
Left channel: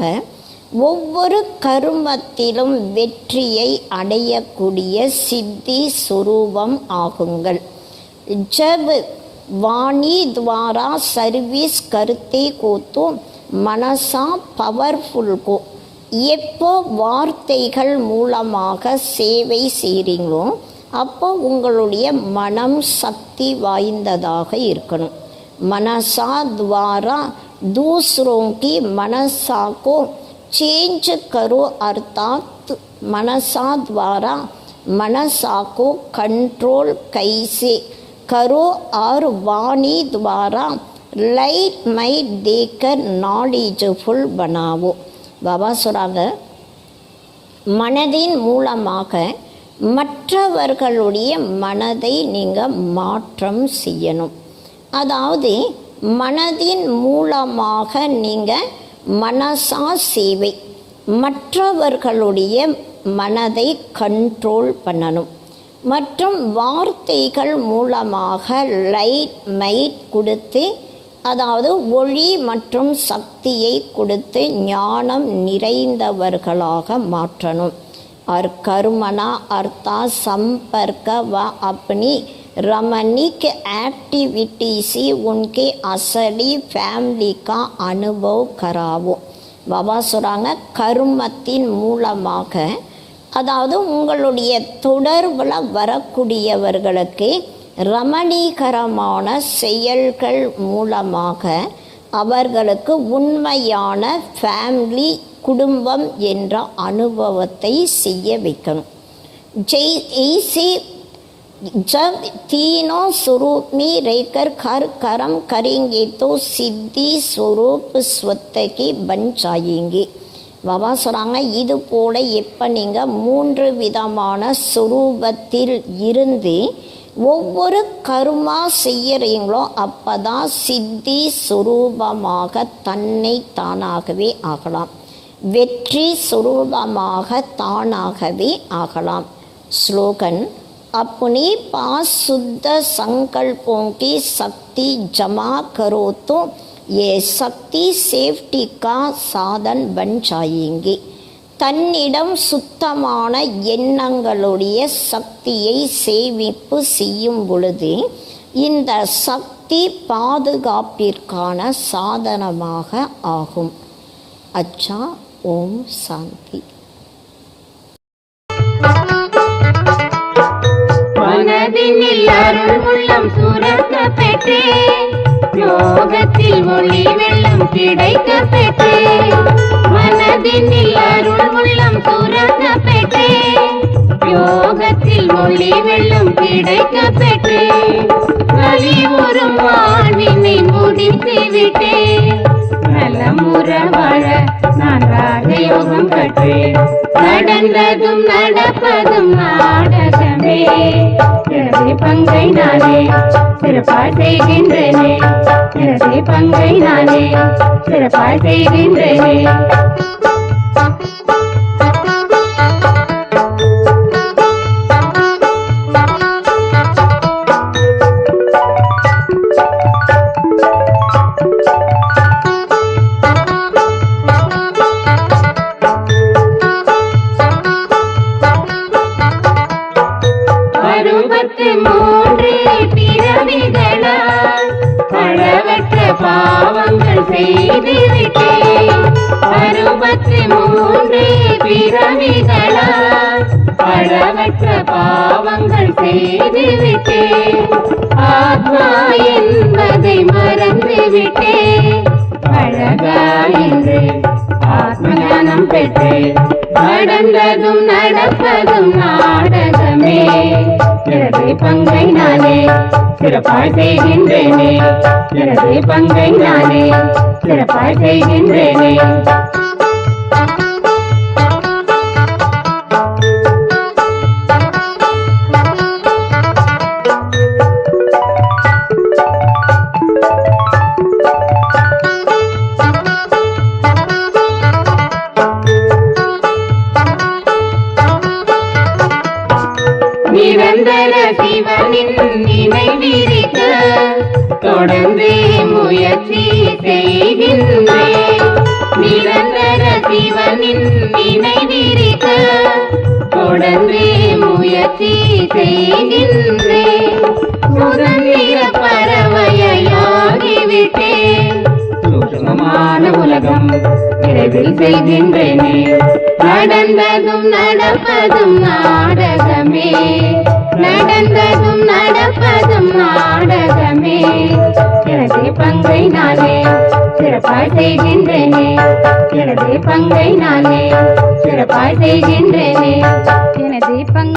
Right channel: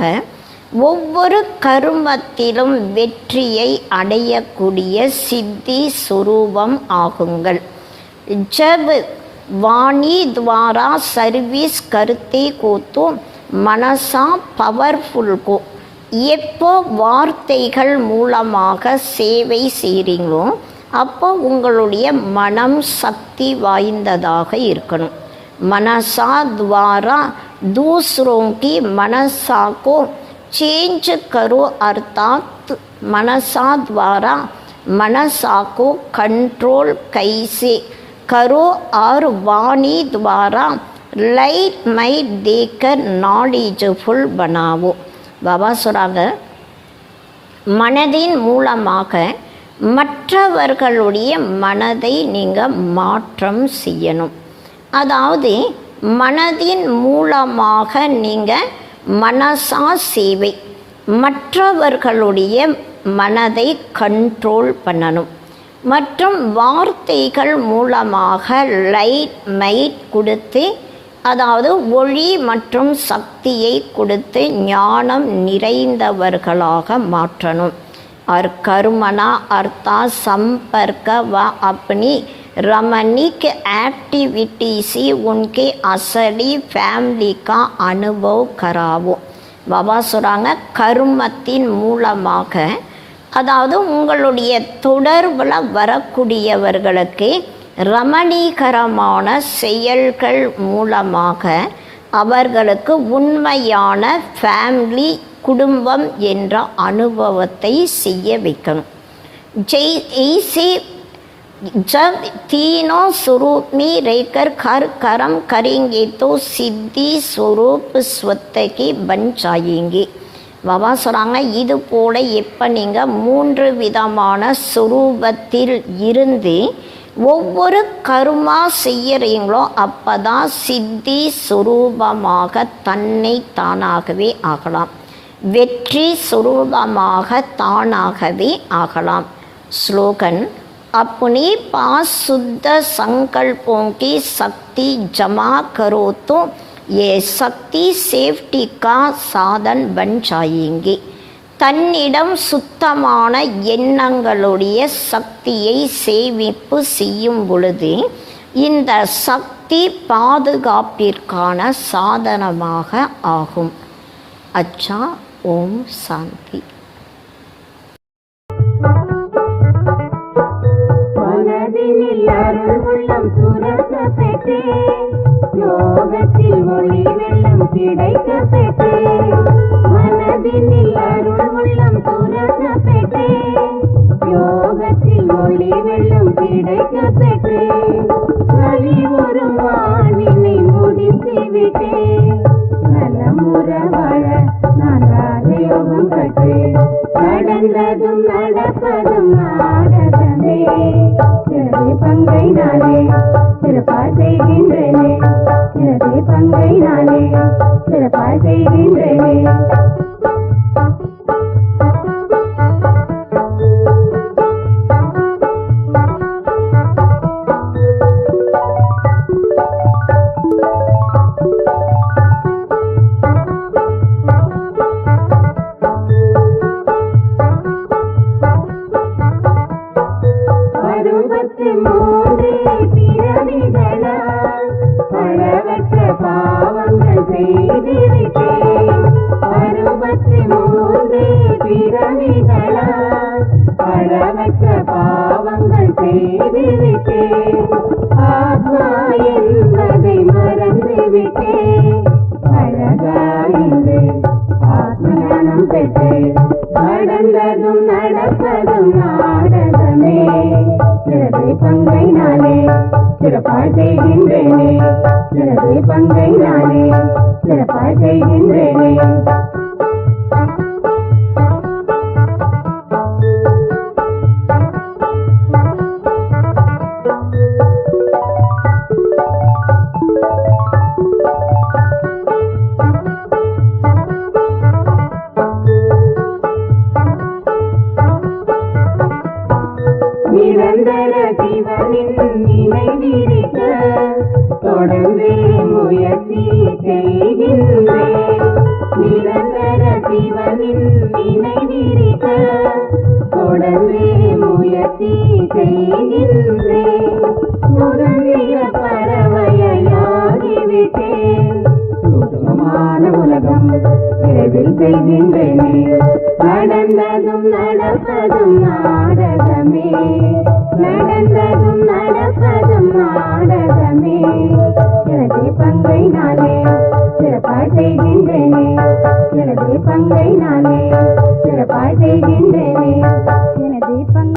ஒவ்வொரு கர்மத்திலும் வெற்றியை அடையக்கூடிய சித்தி சுரூபம் ஆகுங்கள். जब वाणी द्वारा सर्विस करते को तो மனசா பவர்ஃபுல்கோ எப்போ வார்த்தைகள் மூலமாக சேவை செய்கிறீங்களோ அப்போ உங்களுடைய மனம் சக்தி வாய்ந்ததாக இருக்கணும். மனசா द्वारा दूसरों की मनसा को चेंज करो, अर्थात मनसा द्वारा मनसा को कंट्रोल कैसे करो और वाणी द्वारा लाइट माइट देकर नॉलेजफुल बनाओ. பாபா சொல்கிறாங்க, மனதின் மூலமாக மற்றவர்களுடைய மனதை நீங்கள் மாற்றம் செய்யணும். அதாவது மனதின் மூலமாக நீங்கள் மனசா சேவை, மற்றவர்களுடைய மனதை கண்ட்ரோல் பண்ணணும். மற்றும் வார்த்தைகள் மூலமாக லைட் மைட் கொடுத்து, அதாவது ஒளி மற்றும் சக்தியை கொடுத்து ஞானம் நிறைந்தவர்களாக மாற்றணும். और कर्मणा अर्थात संपर्क व अपनी रमणीक एक्टिविटी से उनके असली फैमिली का अनुभव करावो. பாபா சொல்கிறாங்க, கர்மத்தின் மூலமாக, அதாவது உங்களுடைய தொடர்பில் வரக்கூடியவர்களுக்கு ரமணீகரமான செயல்கள் மூலமாக அவர்களுக்கு உண்மையான ஃபேமிலி குடும்பம் என்ற அனுபவத்தை செய்ய வைக்கணும். ऐसे जब तीनों स्वरूप में रहकर हर कर्म करेंगे तो सिद्धि स्वरूप स्वतः बन जाएंगे. பாபா சொல்கிறாங்க, இது போல எப்போ நீங்கள் 3 விதமான சுரூபத்தில் இருந்து ஒவ்வொரு கர்மா செய்யறீங்களோ அப்போ தான் சித்தி சுரூபமாக தன்னை தானாகவே ஆகலாம், வெற்றி சுரூபமாக தானாகவே ஆகலாம். ஸ்லோகன், अपने पास शुद्ध संकल्पों की शक्ति जमा करो तो ये शक्ति सेफ्टी का साधन बन जाएंगे. தன்னிடம் சுத்தமான எண்ணங்களுடைய சக்தியை சேமிப்பு செய்யும் பொழுது இந்த சக்தி பாதுகாப்பிற்கான சாதனமாக ஆகும். அச்சா, ஓம் சாந்தி. மனதினில் அருள் உள்ளம் சுரக்க பெற்றே, யோகத்தில் ஒளி வெள்ளம் கிடைக்க பெற்றே. மனதினில் அருள் உள்ளம் சுரக்க பெற்றே, யோகத்தில் ஒளி வெள்ளம் கிடைக்க பெற்றே. வலிவுறும் வாழ்வினை முடித்து விட்டே, நலமுற வாழ நான் ராஜயோகம் கற்றேன். நடந்ததும் நடப்பதும் நாடகமே, எனது பங்கை நானே சிறப்பாய் செய்கின்றேனே. எனது பங்கை நானே சிறப்பாய் செய்கின்றேனே. பாவங்கள் செய்துவிட்டேன். 63 பிறவிகளால் அளவற்ற பாவங்கள் செய்துவிட்டேன். ஆத்மா என்பதை மறந்துவிட்டேன். அழகா என்று ஆத்மஞானம் பெற்றேன். நடந்ததும் நடப்பதும் நாடகமே, எனது பங்கை நானே சிறப்பாய் செய்கின்றேனே. எனது பங்கை நானே சிறப்பாய் செய்கின்றேனே. நிரந்தர சிவனின் நினைவிருக்க தொடர்ந்து முயற்சி செய்கின்றேன். நிரந்தர சிவனின் நினைவிருக்க தொடர்ந்து முயற்சி செய்கின்றேன். சுதந்திர பறவையாகிவிட்டேன். சூட்சுமமான உலக எதில் செய்கின்றேனே. நடந்ததும் நடப்பதும் நாடகமே, நடந்ததும் நடப்பதும் நாடகமே. எனது பங்கை நானே சிறப்பாய் செய்கின்றேனே, எனது பங்கை நானே சிறப்பாய் செய்கின்றேனே.